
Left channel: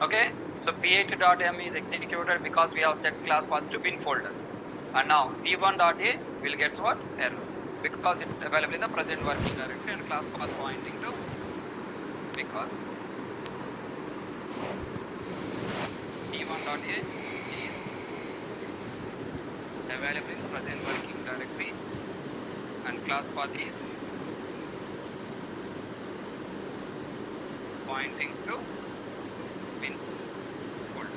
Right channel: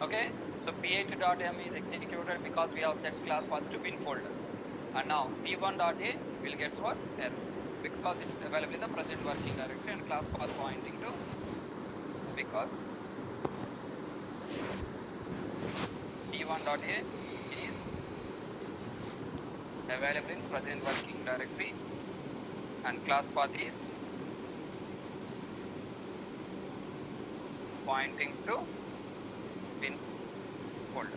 Okay, so p8.m is executed because we have set class path to bin folder. And now p1.a will get what? Error. Because it's available in the present working directory and class path pointing to because p1.a is available in present working directory and class path is pointing to bin folder.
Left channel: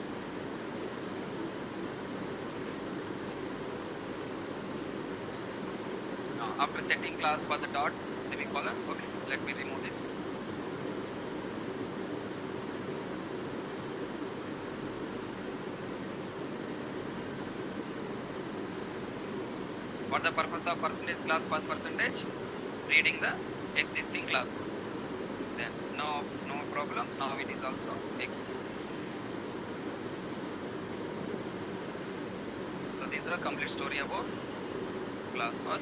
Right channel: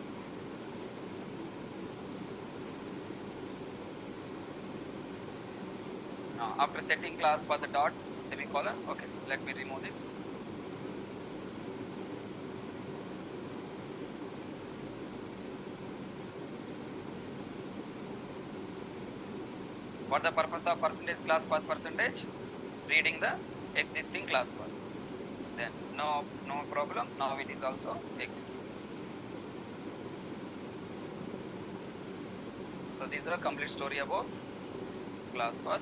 Now after setting class path dot semicolon, okay, let me remove this. For the purpose of percentage class path percentage, reading the existing class path. Then no problem. Now it is also executed. So this is the complete story about class path.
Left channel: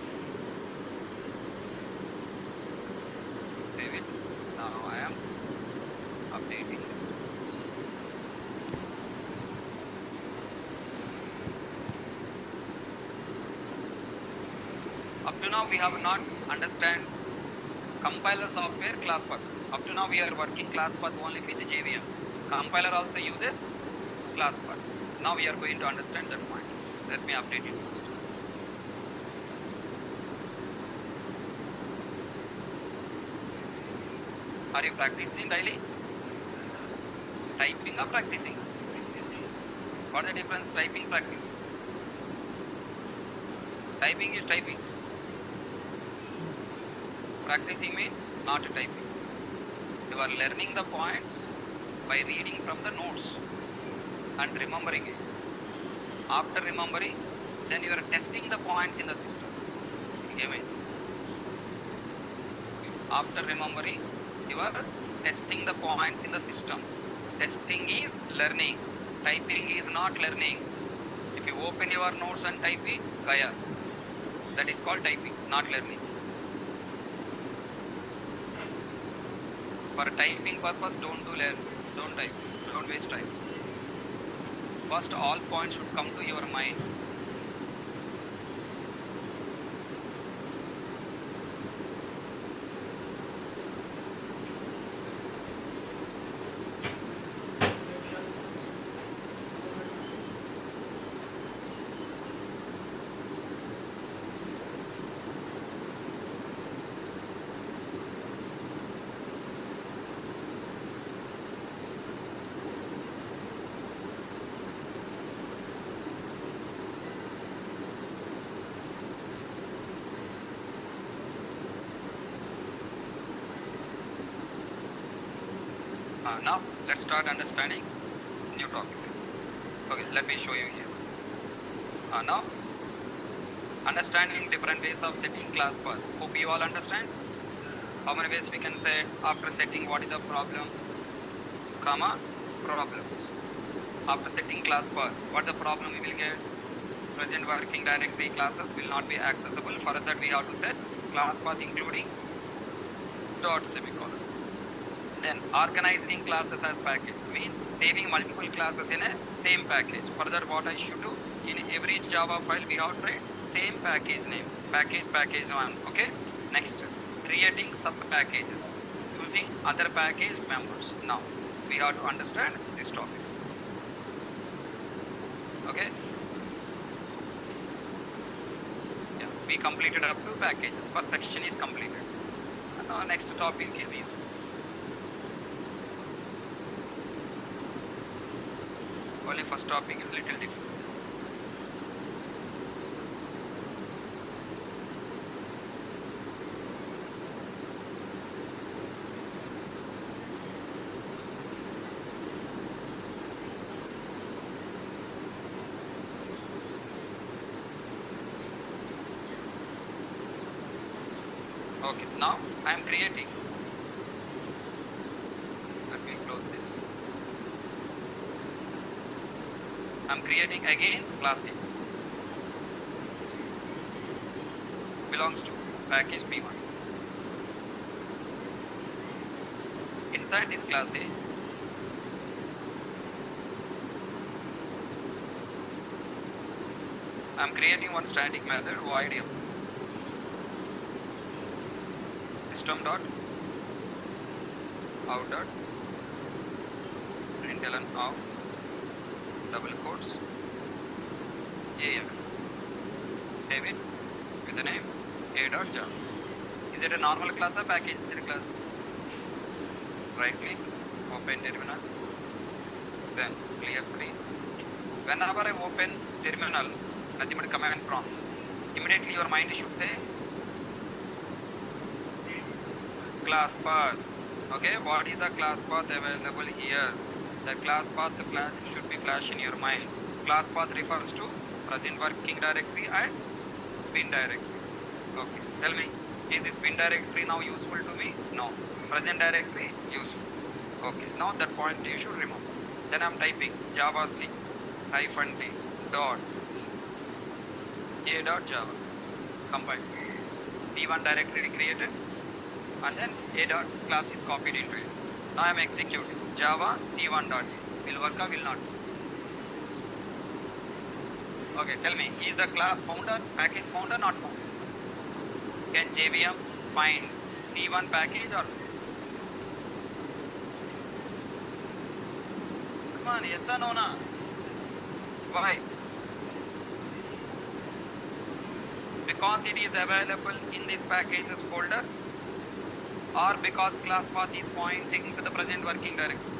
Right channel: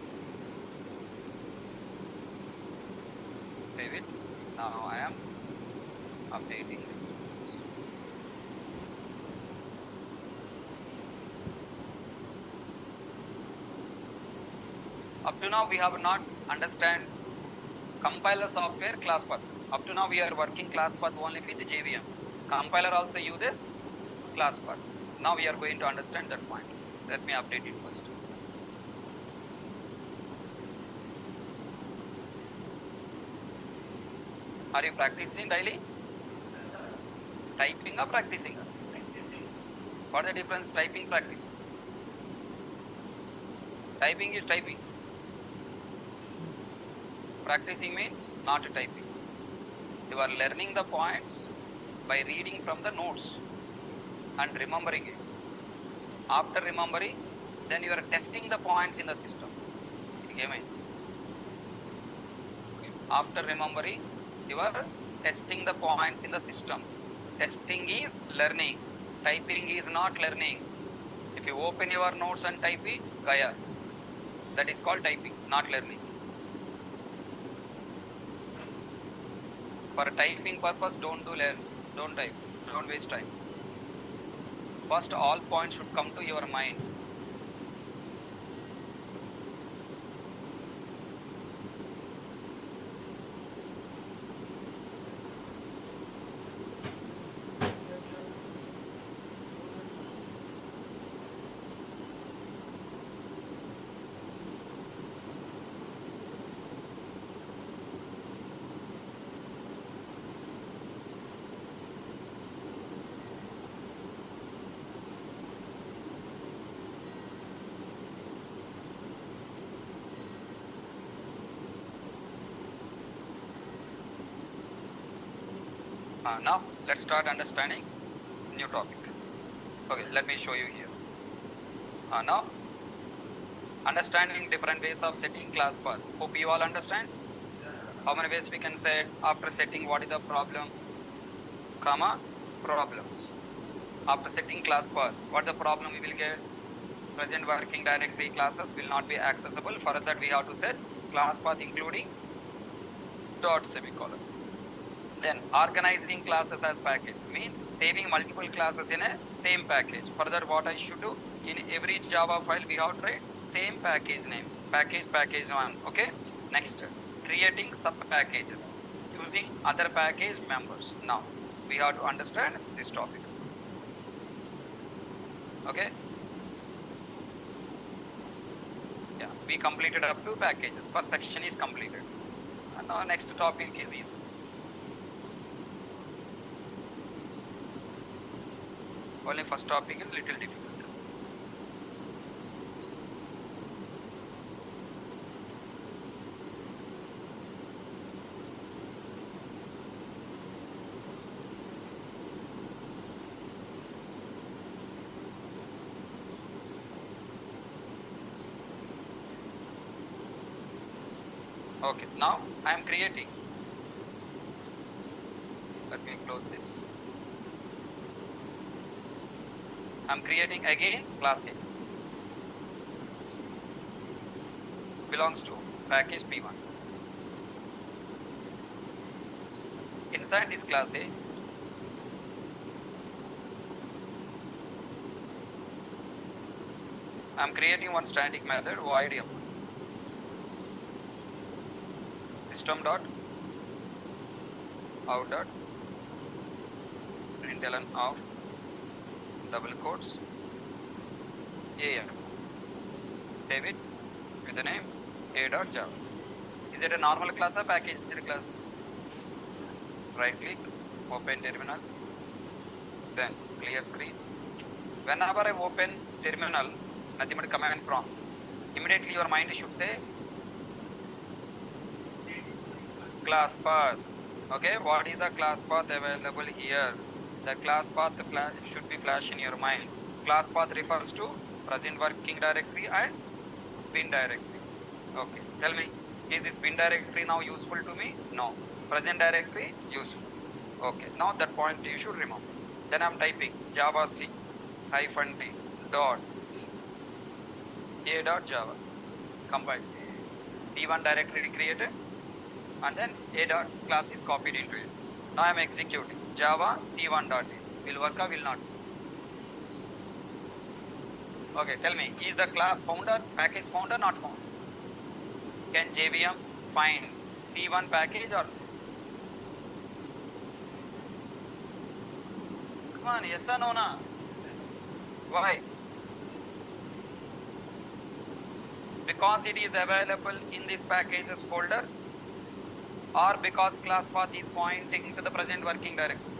Save it. Now I am updating this. Up to now we have not understand compiler software class path. Up to now we are working class path only with JVM. Compiler also uses class path. Now we are going to understand that point. Let me update it first. Are you practicing daily? Typing or practicing? What is the difference? Typing, practice. Typing is typing. Practicing means not typing. You are learning the points by reading from the notes and remembering it. After remembering, then you are testing the points in the system. Amen. After remembering, you are testing the points in the system. Testing is learning. Typing is not learning. If you open your notes and type it, Gaya. That is called typing, not learning. For typing purpose, don't learn. Don't type. Don't waste time. First, all points should come to your mind. Now, let's start understanding new topic. Okay, let me show you here. Now, understanding different ways of setting class path. Hope you all understand. How many ways we can set after setting what is the problem, comma, problems. After setting class path, what the problem we will get? Present working directory classes will not be accessible. For that we have to set class path including dot semicolon. Then organizing classes as package means saving multiple classes in a same package. Further, what I should do, in every Java file we have to write same package name, package 1. Okay. Next, creating sub packages using other package members. Now we have to understand this topic. Okay. Yeah, we completed up to packages. First section is completed. And now next topic is easy. Only first topic is little difficult. Okay, now I am creating. Let me close this. I am creating again class A. Belongs to package P1. Inside this class A, I am creating one static method void system dot out dot println of double quotes a. Save it with the name a.java. Is it a normal class or package class? Right click, open terminal, then clear screen. Whenever I open terminal, nothing but command prompt, immediately your mind should say class path. Okay, what is the class path available here? The class path should be flash in your mind. Class path refers to present working directory and bin directory. Okay, tell me, is this bin directory now useful to me? No. Present directory useful. Okay, now that point you should remember. Then I am typing java c -d dot a dot java. Combine. P1 directory created and then a dot class is copied into it. Now I am executing java p1 dot a. Will work or will not? Okay, tell me, is the class founder, package founder, not found? Can JVM find P1 package or? Come on, yes or no? Na? Why? Because it is available in this packages folder, or because class path is pointing to the present working directory.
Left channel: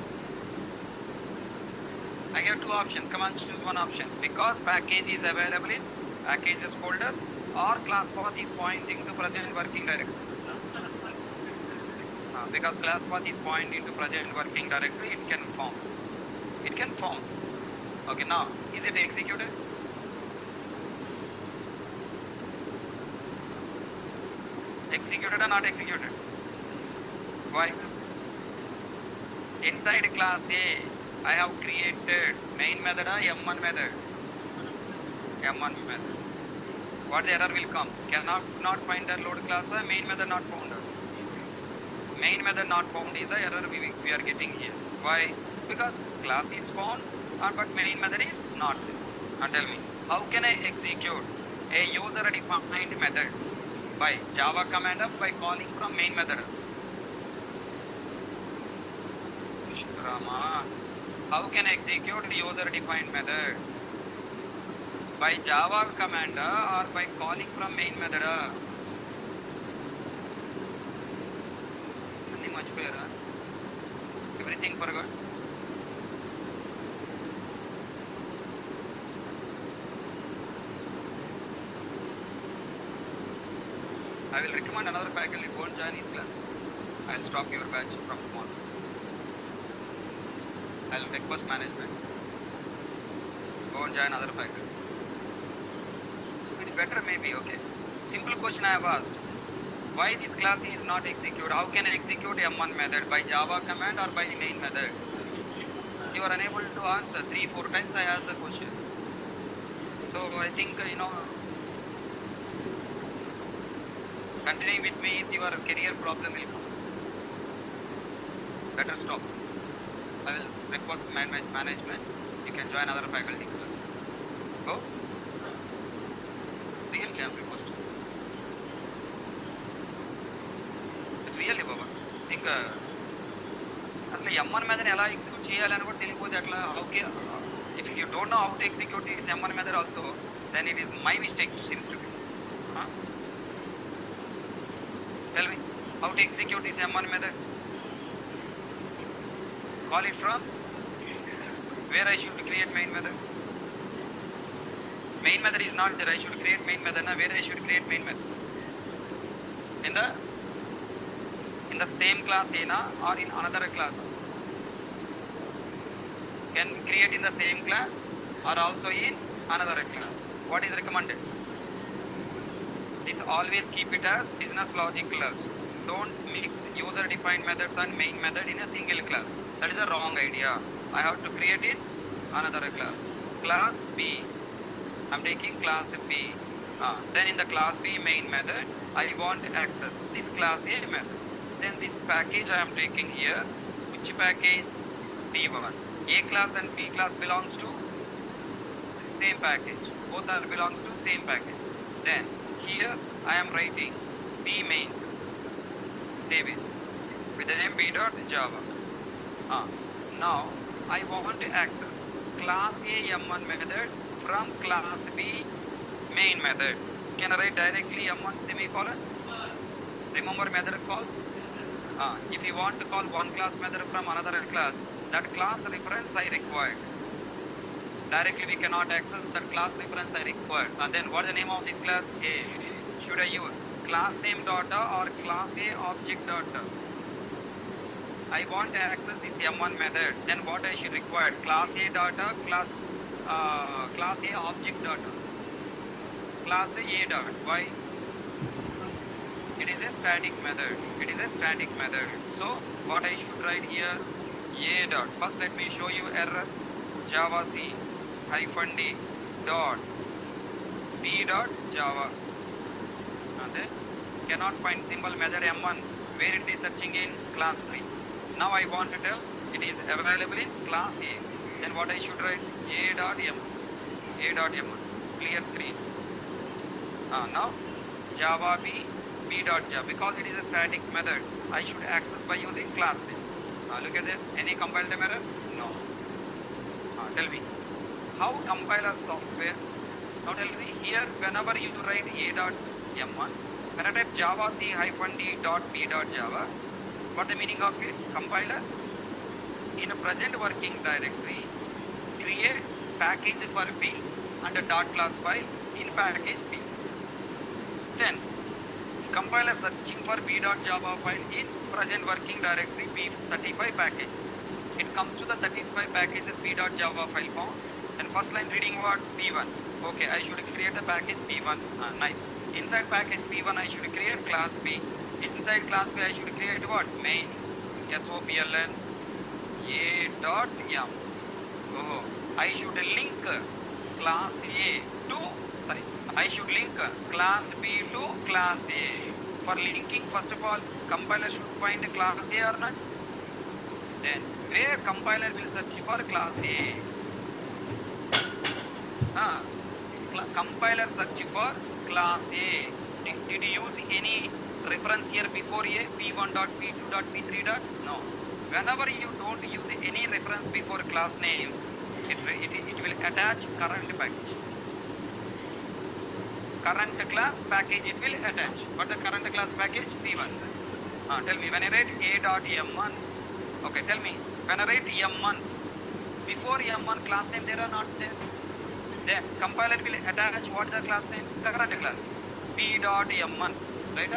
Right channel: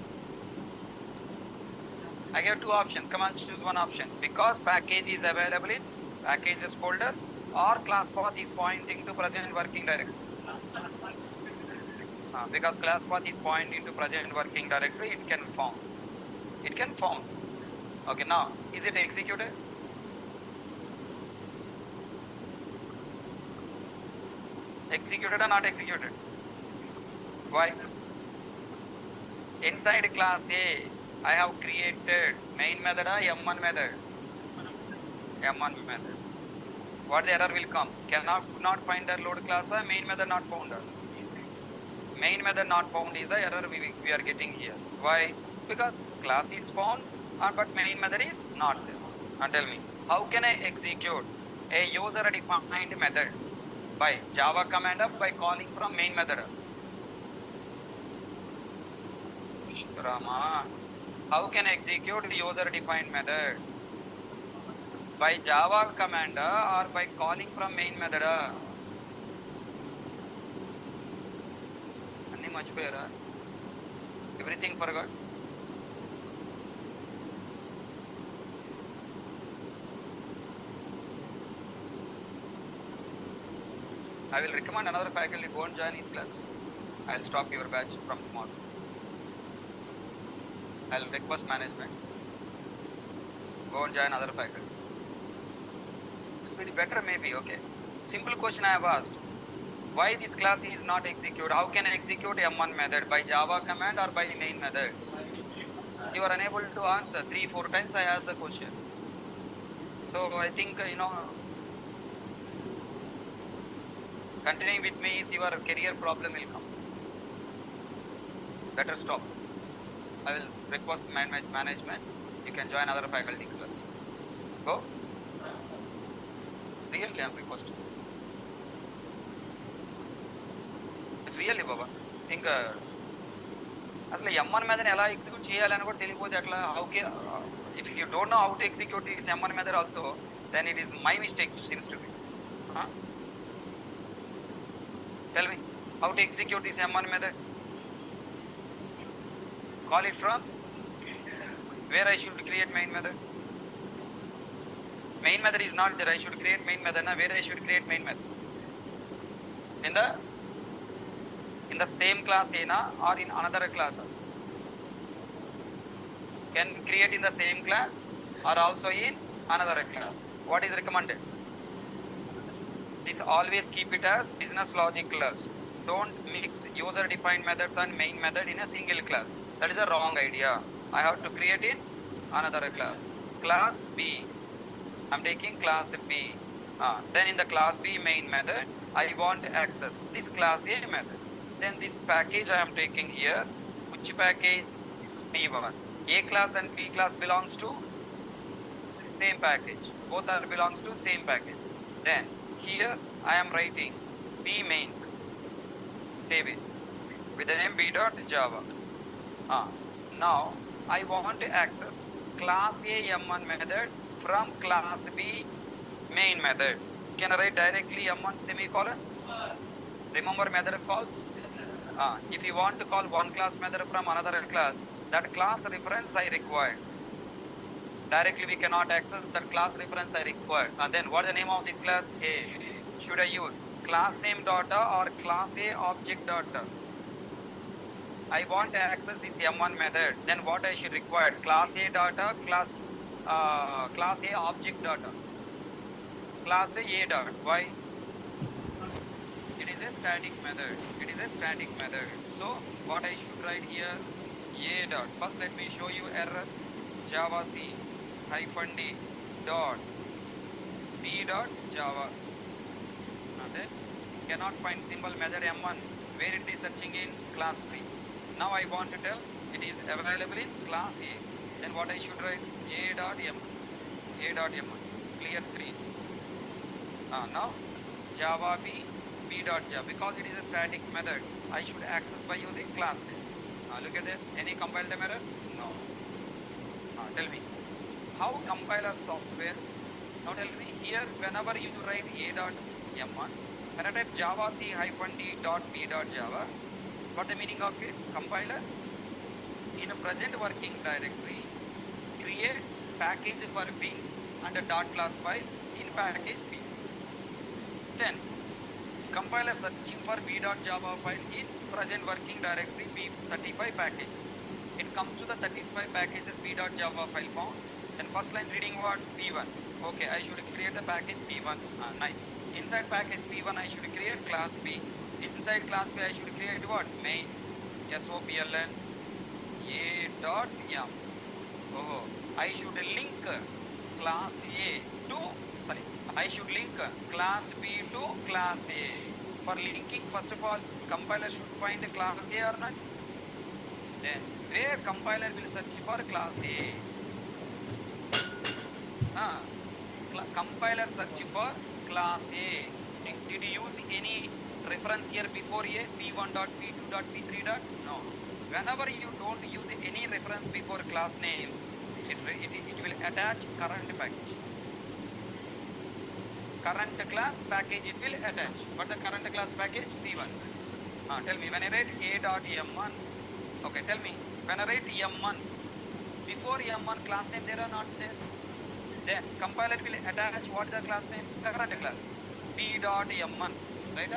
I have two options. Come on, choose one option. Because package is available in packages folder, or class path is pointing to present working directory. Because class path is pointing to present working directory, it can form. It can form. Okay, now is it executed? Executed or not executed? Why? Inside class A, I have created main method or M1 method. M1 method. What error will come? Cannot not find the load class or main method not found. Main method not found is the error we are getting here. Why? Because class is found, but main method is not. And tell me, how can I execute a user defined method by Java command by calling from main method? Rama, how can I execute the user defined method? By Java command or by calling from main method? Much better. Everything forgot. I will recommend another faculty. Go and join his class. I will stop your batch from tomorrow. I will request management. Go and join other faculty. So it is better maybe, okay. Simple question I have asked. Why this class is not executed? How can I execute M1 method? By Java command or by main method? You are unable to answer. 3-4 times I asked the question. So I think, continuing with me is your career problem will come. Better stop. I will request management. You can join other faculty. Go. Really, I am requesting. It's really, Baba. Think, అసలు M1 method ఎలా execute చేయాలని కూడా తెలియకపోతే అట్లా okay if you don't know how to execute this M1 method also then it is my mistake seems to be. Tell me how to execute this M1 method. Call it from where I should create main method. Main method is not there. I should create main method. Now where I should create main method? In the same class A or in another class? Can create in the same class or also in another class. What is recommended? Is always keep it as business logic class. Don't mix user defined methods and main method in a single class. That is a wrong idea. I have to create in another class. Class B, I am taking class B. Then in the class B main method, I want to access this class A method. Then this package I am taking here. Which package? B1. A class and B class belongs to same package. Both are belongs to same package. Then here I am writing B main. Save it with the name b.java. Now I want to access class A M1 method from class B main method. Can I write directly M1 semicolon? Remember method calls? If you want to call one class method from another class, that class reference I require. Directly we cannot access that class reference I require. And then what is the name of this class? Should I use class name data or class A object data? I want to access this M1 method. Then what I should require? Class A data, class A object data. Class A dot. Why? It is a static method. It is a static method. So what I should write here? A dot. First let me show you error. Java C hyphen D dot B dot Java. And then cannot find symbol method M1 where it is searching in class 3. Now I want to tell it is available in class A. Then what I should write? A dot M. A dot M1. Clear screen. Now Java B dot Java. Because it is a static method, I should access by using class name. Look at that. Any compile error? No. Tell me. how compiler software, now tell me here, whenever you write a.m1, when I type java c-d.p.java, what the meaning of it? Compiler, in a present working directory, create package for B and a dot class file in package B. Then compiler searching for b.java file in present working directory B35 packages. It comes to the 35 packages b.java file form, and first line reading what? P1. Okay, I should create a package P1. Nice. Inside package P1 I should create class B. Inside class B I should create what? Main sopln a.m. Oh, I should link class A to, sorry, I should link class B to class A. For linking, first of all, compiler should find class A or not. Then where compiler will search for class A? Compiler search for class A. Did you use any reference here before A? P1 dot P2 dot P3 dot? No. Whenever you don't use any reference before class name, it will attach current package. Current class package it will attach. What the current class package? P1. Tell me, when I write a.m1, okay, tell me, when I write m1, before m1 class name there or not there? Then compiler will attach what the class name? Current class. p.m1, right?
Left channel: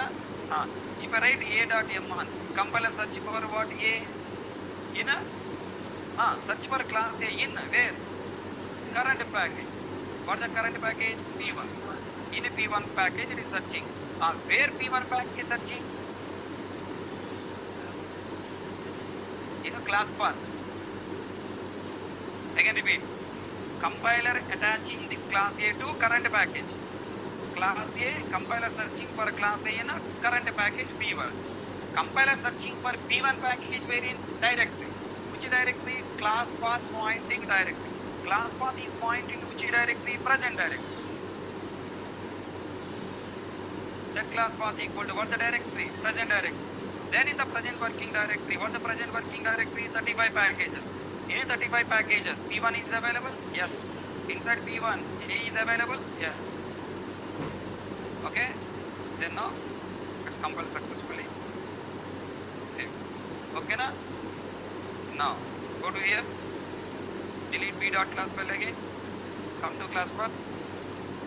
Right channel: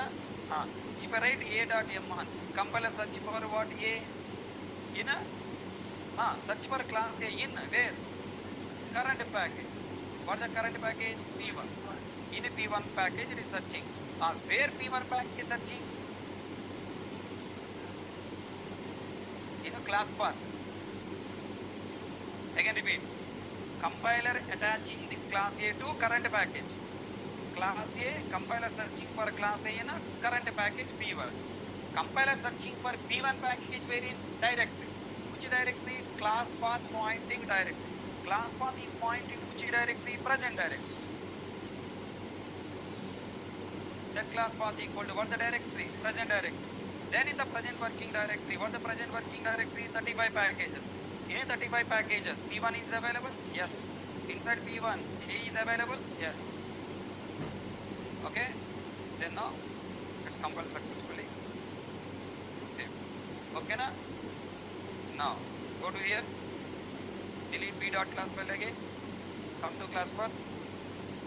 If I write a.m1, compiler search for what? A in a search for class A in where? Current package. What the current package? P1. In a P1 package it is searching. Where P1 package is searching? In a class path. Again repeat. Compiler attaching this class A to current package. Class A, compiler searching for class A in a current package P1. Compiler searching for P1 package where in directory. Which directory? Class path pointing directory. Class path is pointing to which directory? Present directory. Set class path equal to what the directory? Present directory. Then in the present working directory, what the present working directory? 35 packages. In 35 packages, P1 is available? Yes. Inside P1, A is available? Yes. Okay? Then now, let's compile successfully. Save. Okay na? Now, go to here. Delete b.class file again. Come to class path.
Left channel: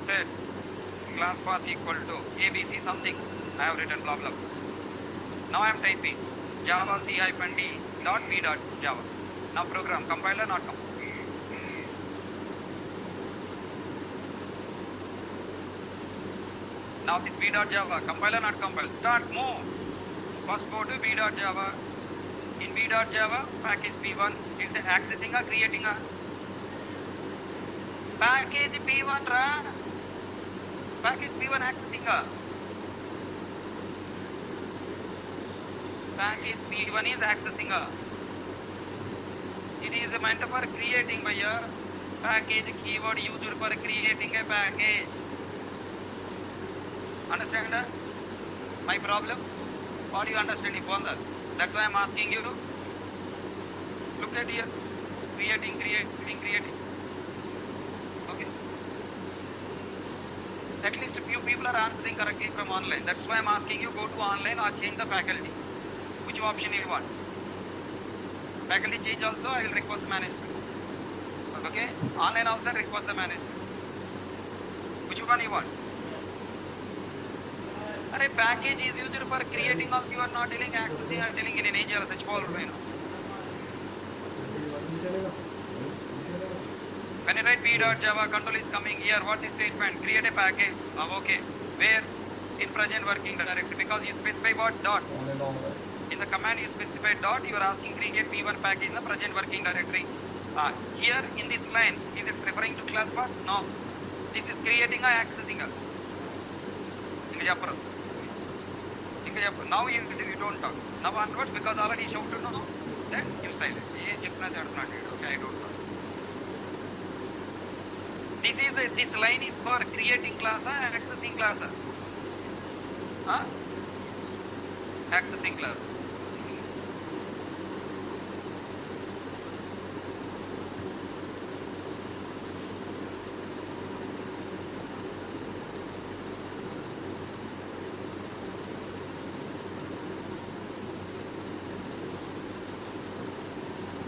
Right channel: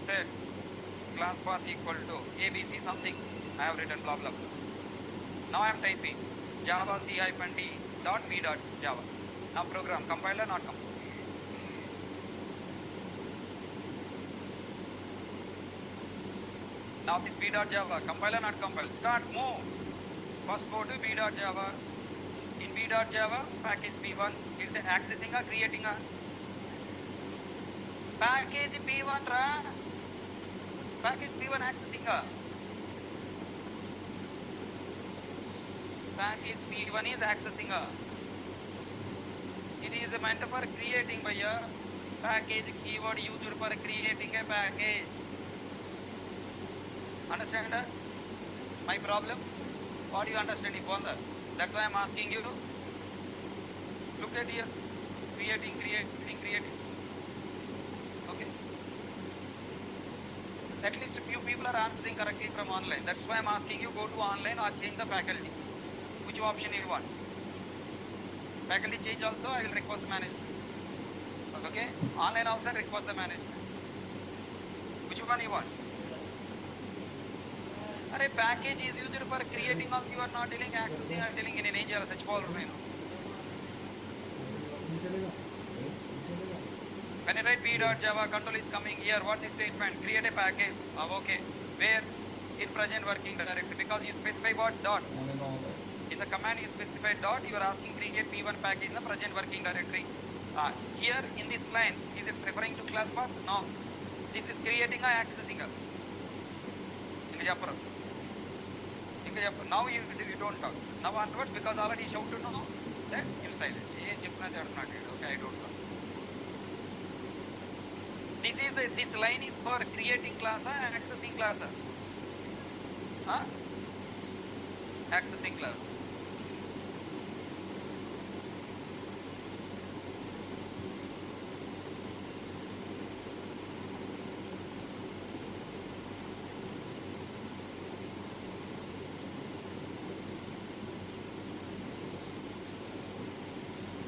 Set class path equal to ABC something. I have written blah blah. Now I am typing java c-d.p.java. Now program, compiler not come. Now this b.java, compiler not compile. Start, move. First go to b.java. In b.java, package P1 is accessing or creating a package P1 ra. Package P1 accessing a package P1 is accessing a. It is meant for creating by a package keyword user for creating a package. Understand my problem? Or you understand it further? That's why I'm asking you to look at here. Creating. Okay. At least few people are answering correctly from online. That's why I'm asking you go to online or change the faculty. Which option you want? Faculty change also, I will request management. Okay? Online also request the management. Which one you want? A package is used for creating also, you are not telling accessing, I am telling in an age or such folder, you know. When you write p.java, control is coming here, what is statement? Create a package. Okay. Where? In present working directory, because you specify what? Dot. In the command you specify dot, you are asking create P1 package in the present working directory. Here in this line, is it referring to class path? No. This is creating or accessing a. Now you don't talk. Now onwards, because already showed to know, then you silent. Okay, I don't talk. This line is for creating class and accessing classes. Accessing class.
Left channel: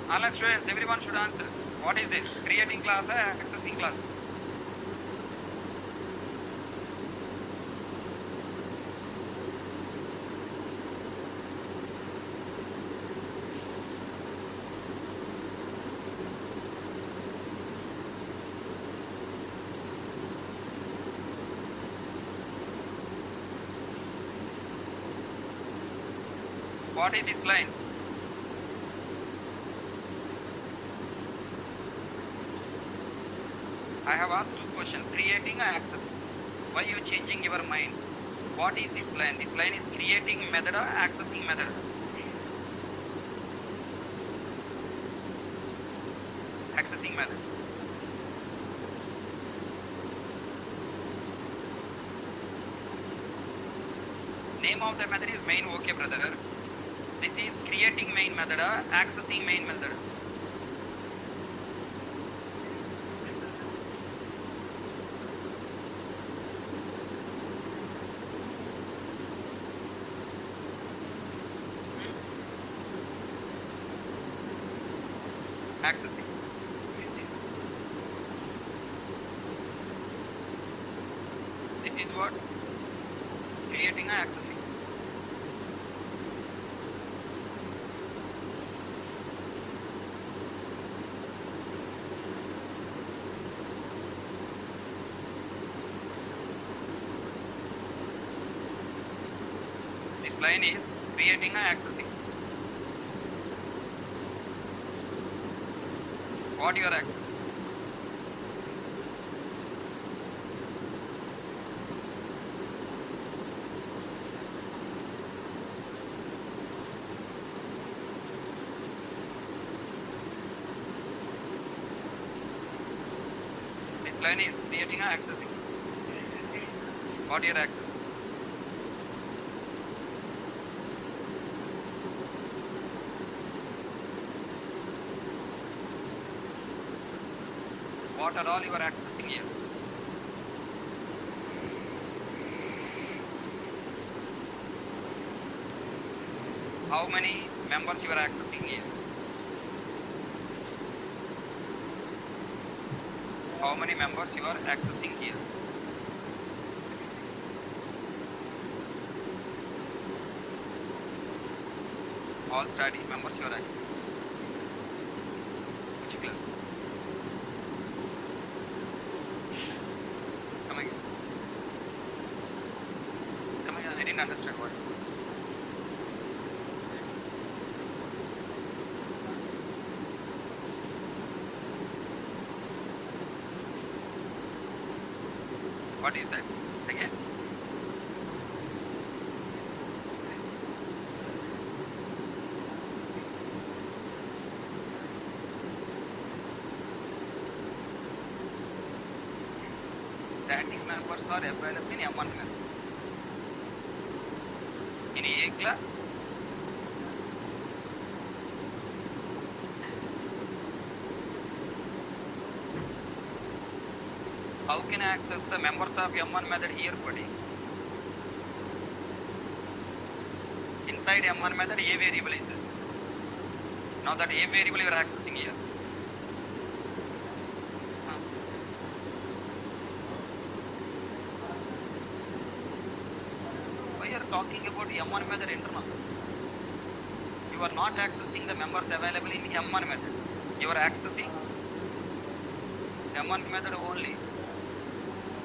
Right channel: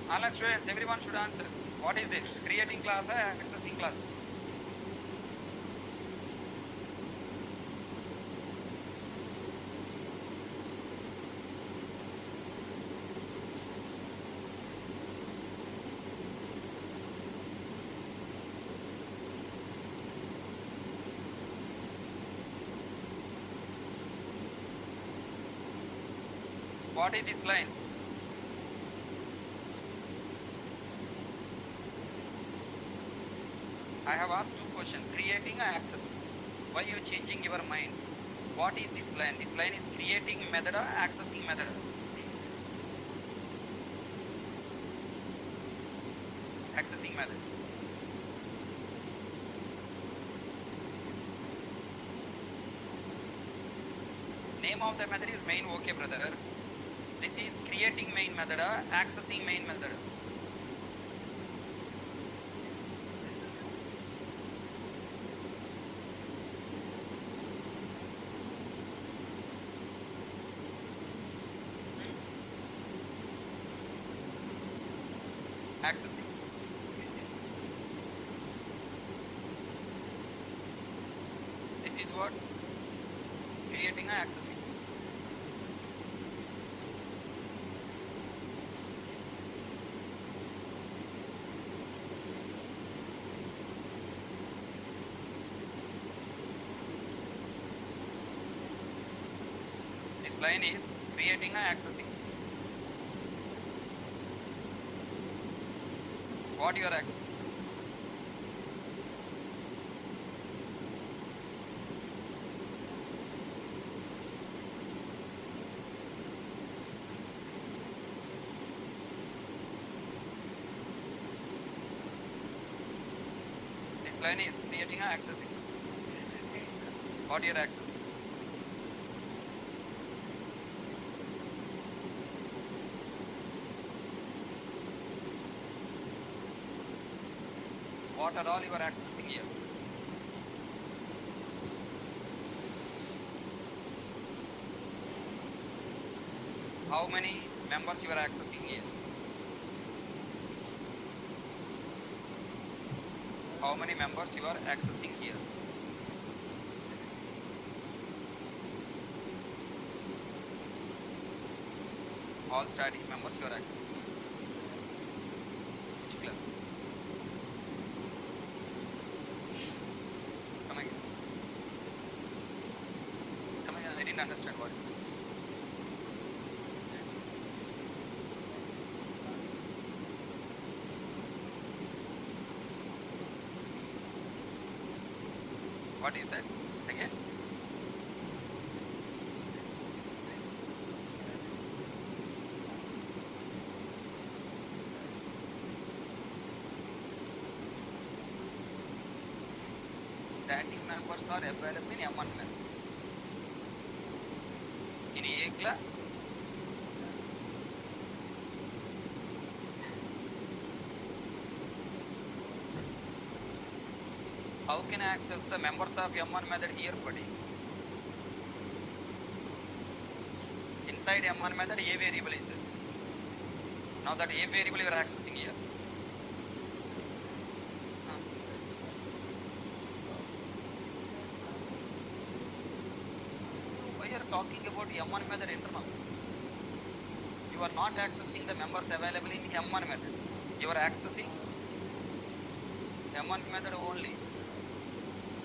Online students, everyone should answer. What is this? Creating class or accessing class? What is this line? I have asked two questions, creating and accessing. Why you changing your mind? What is this line? This line is creating method or accessing method? Accessing method. Name of the method is main, okay brother. This is creating main method or accessing main method? Accessing. This is what? Creating and accessing. This line is creating and accessing. What you are accessing? This line is creating and accessing. What you are accessing? What are all you are accessing here? How many members you are accessing here? How many members you are accessing here? All study members you are accessing. Which class? Come again. Come again. I didn't understand what. What you said? Again. Static members are available in M1 method. In A class? How can I access the members of M1 method here, buddy? Inside M1 method, A variable is there. Now that A variable you are accessing here. Why you are talking about M1 method internal? You are not accessing the members available in M1 method. You are accessing M1 method only.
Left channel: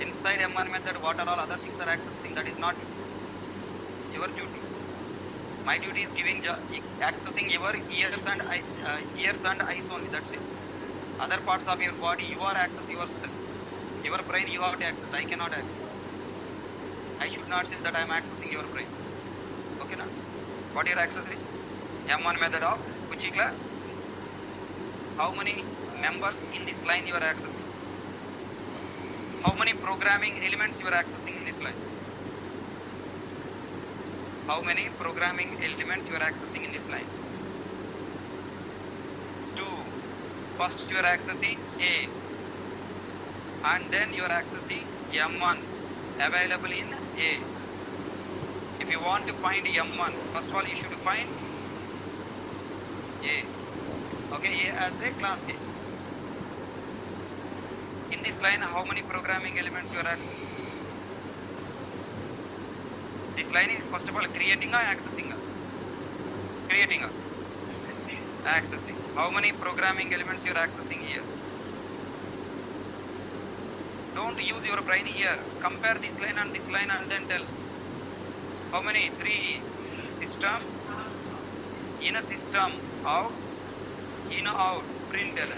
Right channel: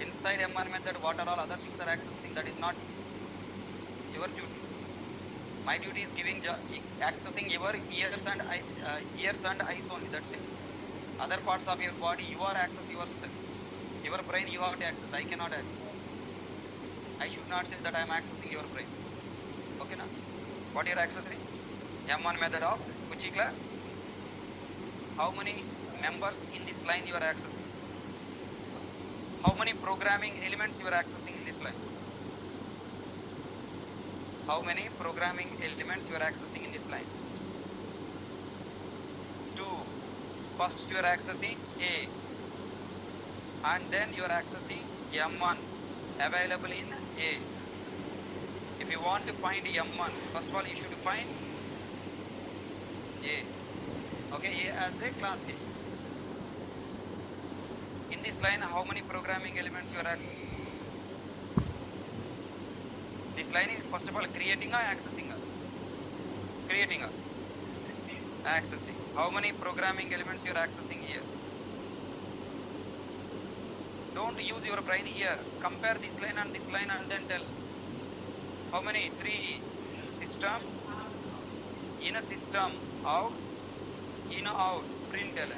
Inside M1 method, what are all other things are accessing? That is not your duty. My duty is accessing your ears and eyes only. That's it. Other parts of your body, you are accessing yourself. Your brain, you have to access. I cannot access. I should not say that I am accessing your brain. Okay, now? What you are accessing? M1 method of which class? How many members in this line you are accessing? How many programming elements you are accessing in this line? How many programming elements you are accessing in this line? 2. First you are accessing A, and then you are accessing M1 available in A. If you want to find M1, first of all you should find A. Okay, a class A. In this line, how many programming elements you are asking? This line is first of all creating or accessing? Creating or accessing. How many programming elements you are accessing here? Don't use your brain here. Compare this line and then tell. How many? 3. System. In a system. Out. In out. Println.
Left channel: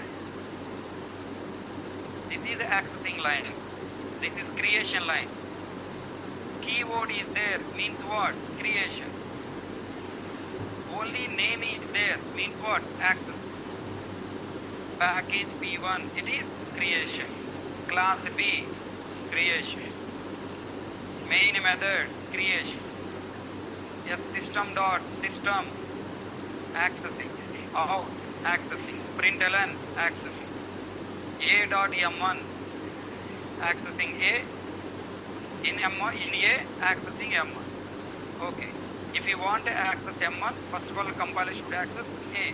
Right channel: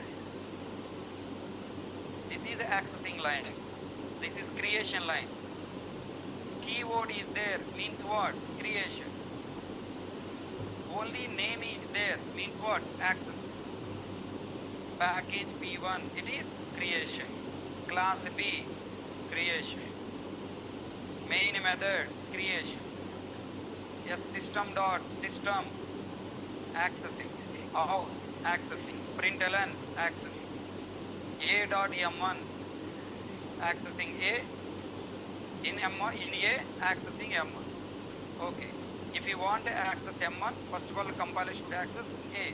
This is accessing line. This is creation line. Keyword is there means what? Creation. Only name is there means what? Access. Package P1 it is creation. Class B creation. Main method creation. Yes, system accessing. Out accessing. Println accessing. A.M1 accessing A. In M1 in A accessing M1. Okay. If you want to access M1, first of all compiler should access A.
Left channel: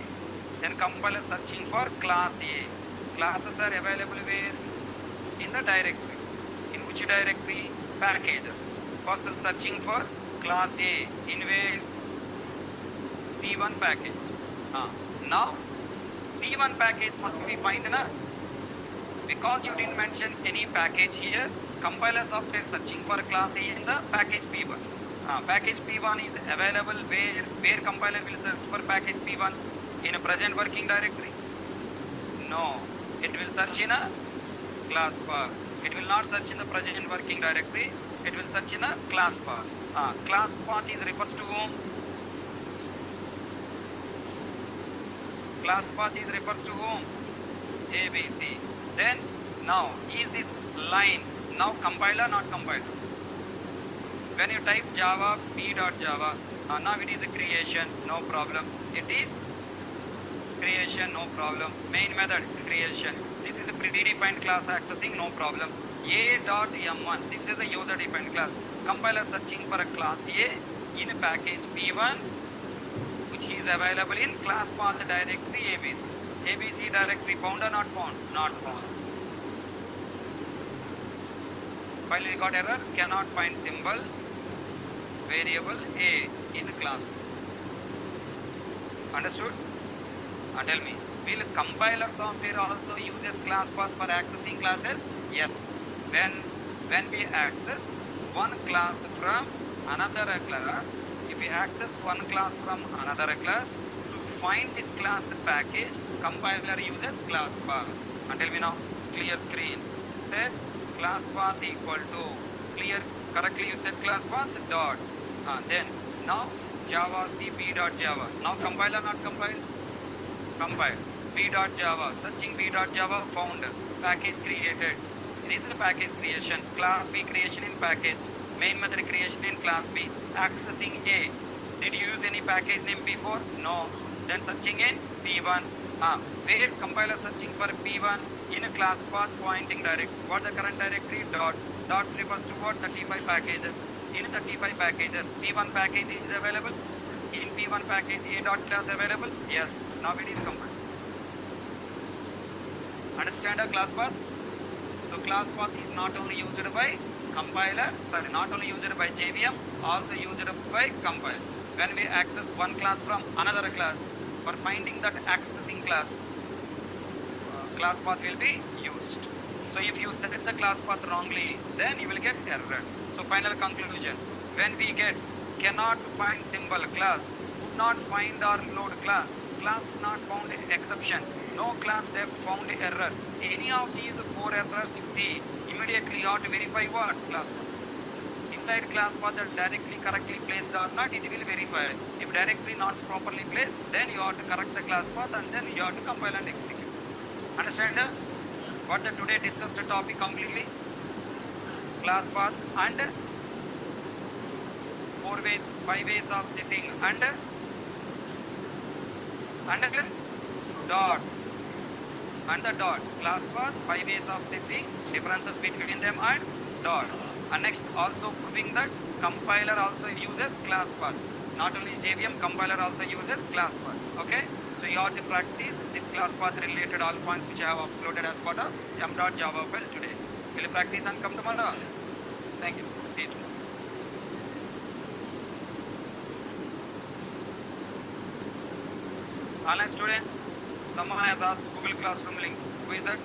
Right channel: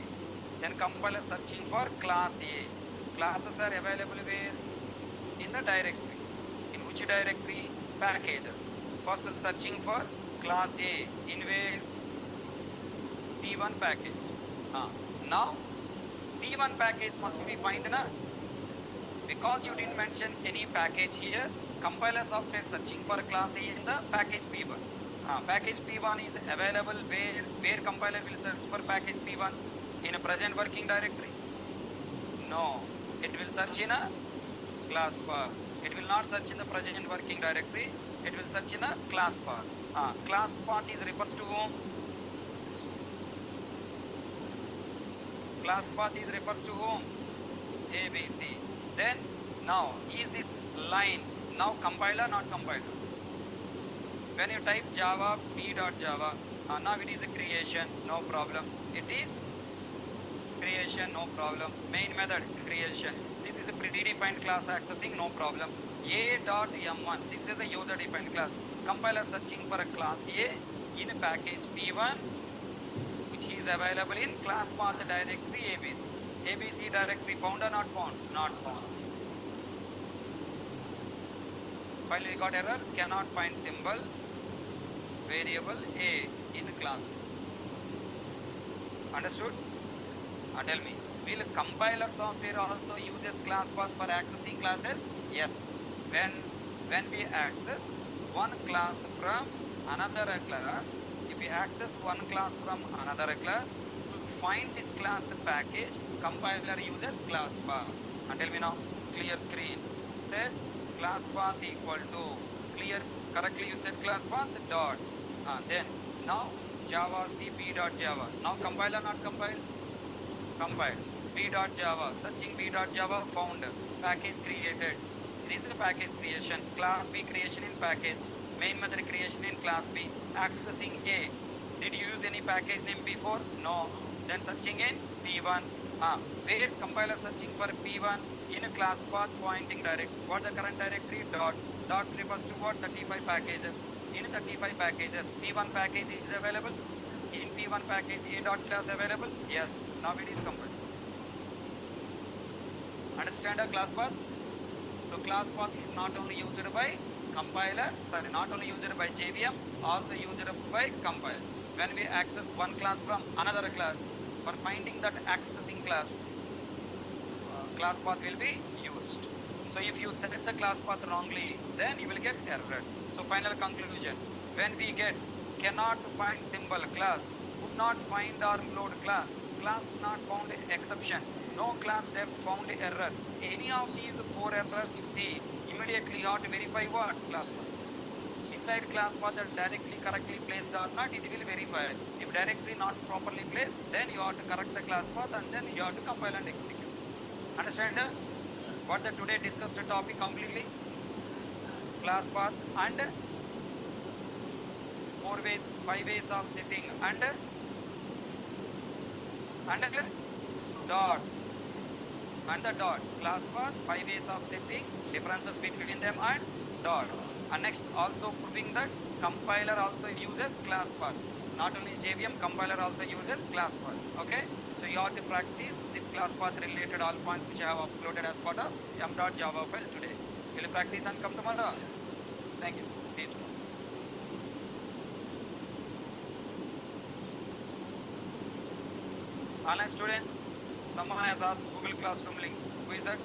Then compiler searching for class A. Classes are available where? In the directory. In which directory? Packages. First searching for class A. In where? P1 package. Now P1 package must be find na? Because you didn't mention any package here, compiler software searching for class A in the package P1. Package P1 is available where compiler will search for package P1 in a present working directory? No, it will search in a class path. It will not search in the present working directory. It will search in a class path. Class path is refers to whom? Class path is refers to whom? ABC. Then now is this line now compiler not compiler? When you type Java p.java, now it is a creation, no problem. It is creation, no problem. Main method creation. This is a predefined class accessing, no problem. A.M1, this is a user defined class. Compiler searching for a class A in a package P1 which is available in class path directory ABC. ABC directory found or not found? Not found. File record error, cannot find symbol variable A in class. Understood? Tell me, will compiler software also uses class path for accessing classes? Yes. When we access one class from another class, if we access one class from another class, to find this class package, compiler uses class path. Tell me now, clear screen. Set class path equal to clear. Correctly you set class path dot. Then now Java cp.java. Now compiler not compiled? Compiled. p.java. Searching p.java found. Package created. This is the package creation. Class B creation in package. Main method creation in class B. Accessing A. Did you use any package name before? No. Then searching in P1. Where compiler searching for P1 in a class path pointing directory. What the current directory? Dot. Dot refers to what? 35 packages. In 35 packages, P1 package is available. In P1 package, A dot class available? Yes. Now it is compiled. Understand a class path? So class path is not only used by compiler, not only used by JVM, also used by compiler. When we access one class from another class, for finding that accessing class, class path will be used. So if you set the class path wrongly, then you will get error. So final conclusion, when we get cannot find symbol class, could not find or load class, class not found exception, no class have found error. Any of these 4 errors you see, immediately you have to verify what? Class path. Inside class path is directly correctly placed or not, it will verify. If directly not properly placed, then you have to correct the class path and then you have to compile and execute. Understand what the today discussed the topic completely? Class path and 5 ways of setting and dot and the dot. Class path, 5 ways of setting, differences between them and dot. And next also proving that compiler also uses class path. Not only JVM, compiler also uses class path. Okay? So you are to practice this class path related all points which I have uploaded as part of m.java file today. Will you practice and come tomorrow? Thank you. See you tomorrow. Online students, someone has asked Google Classroom link. Who is that?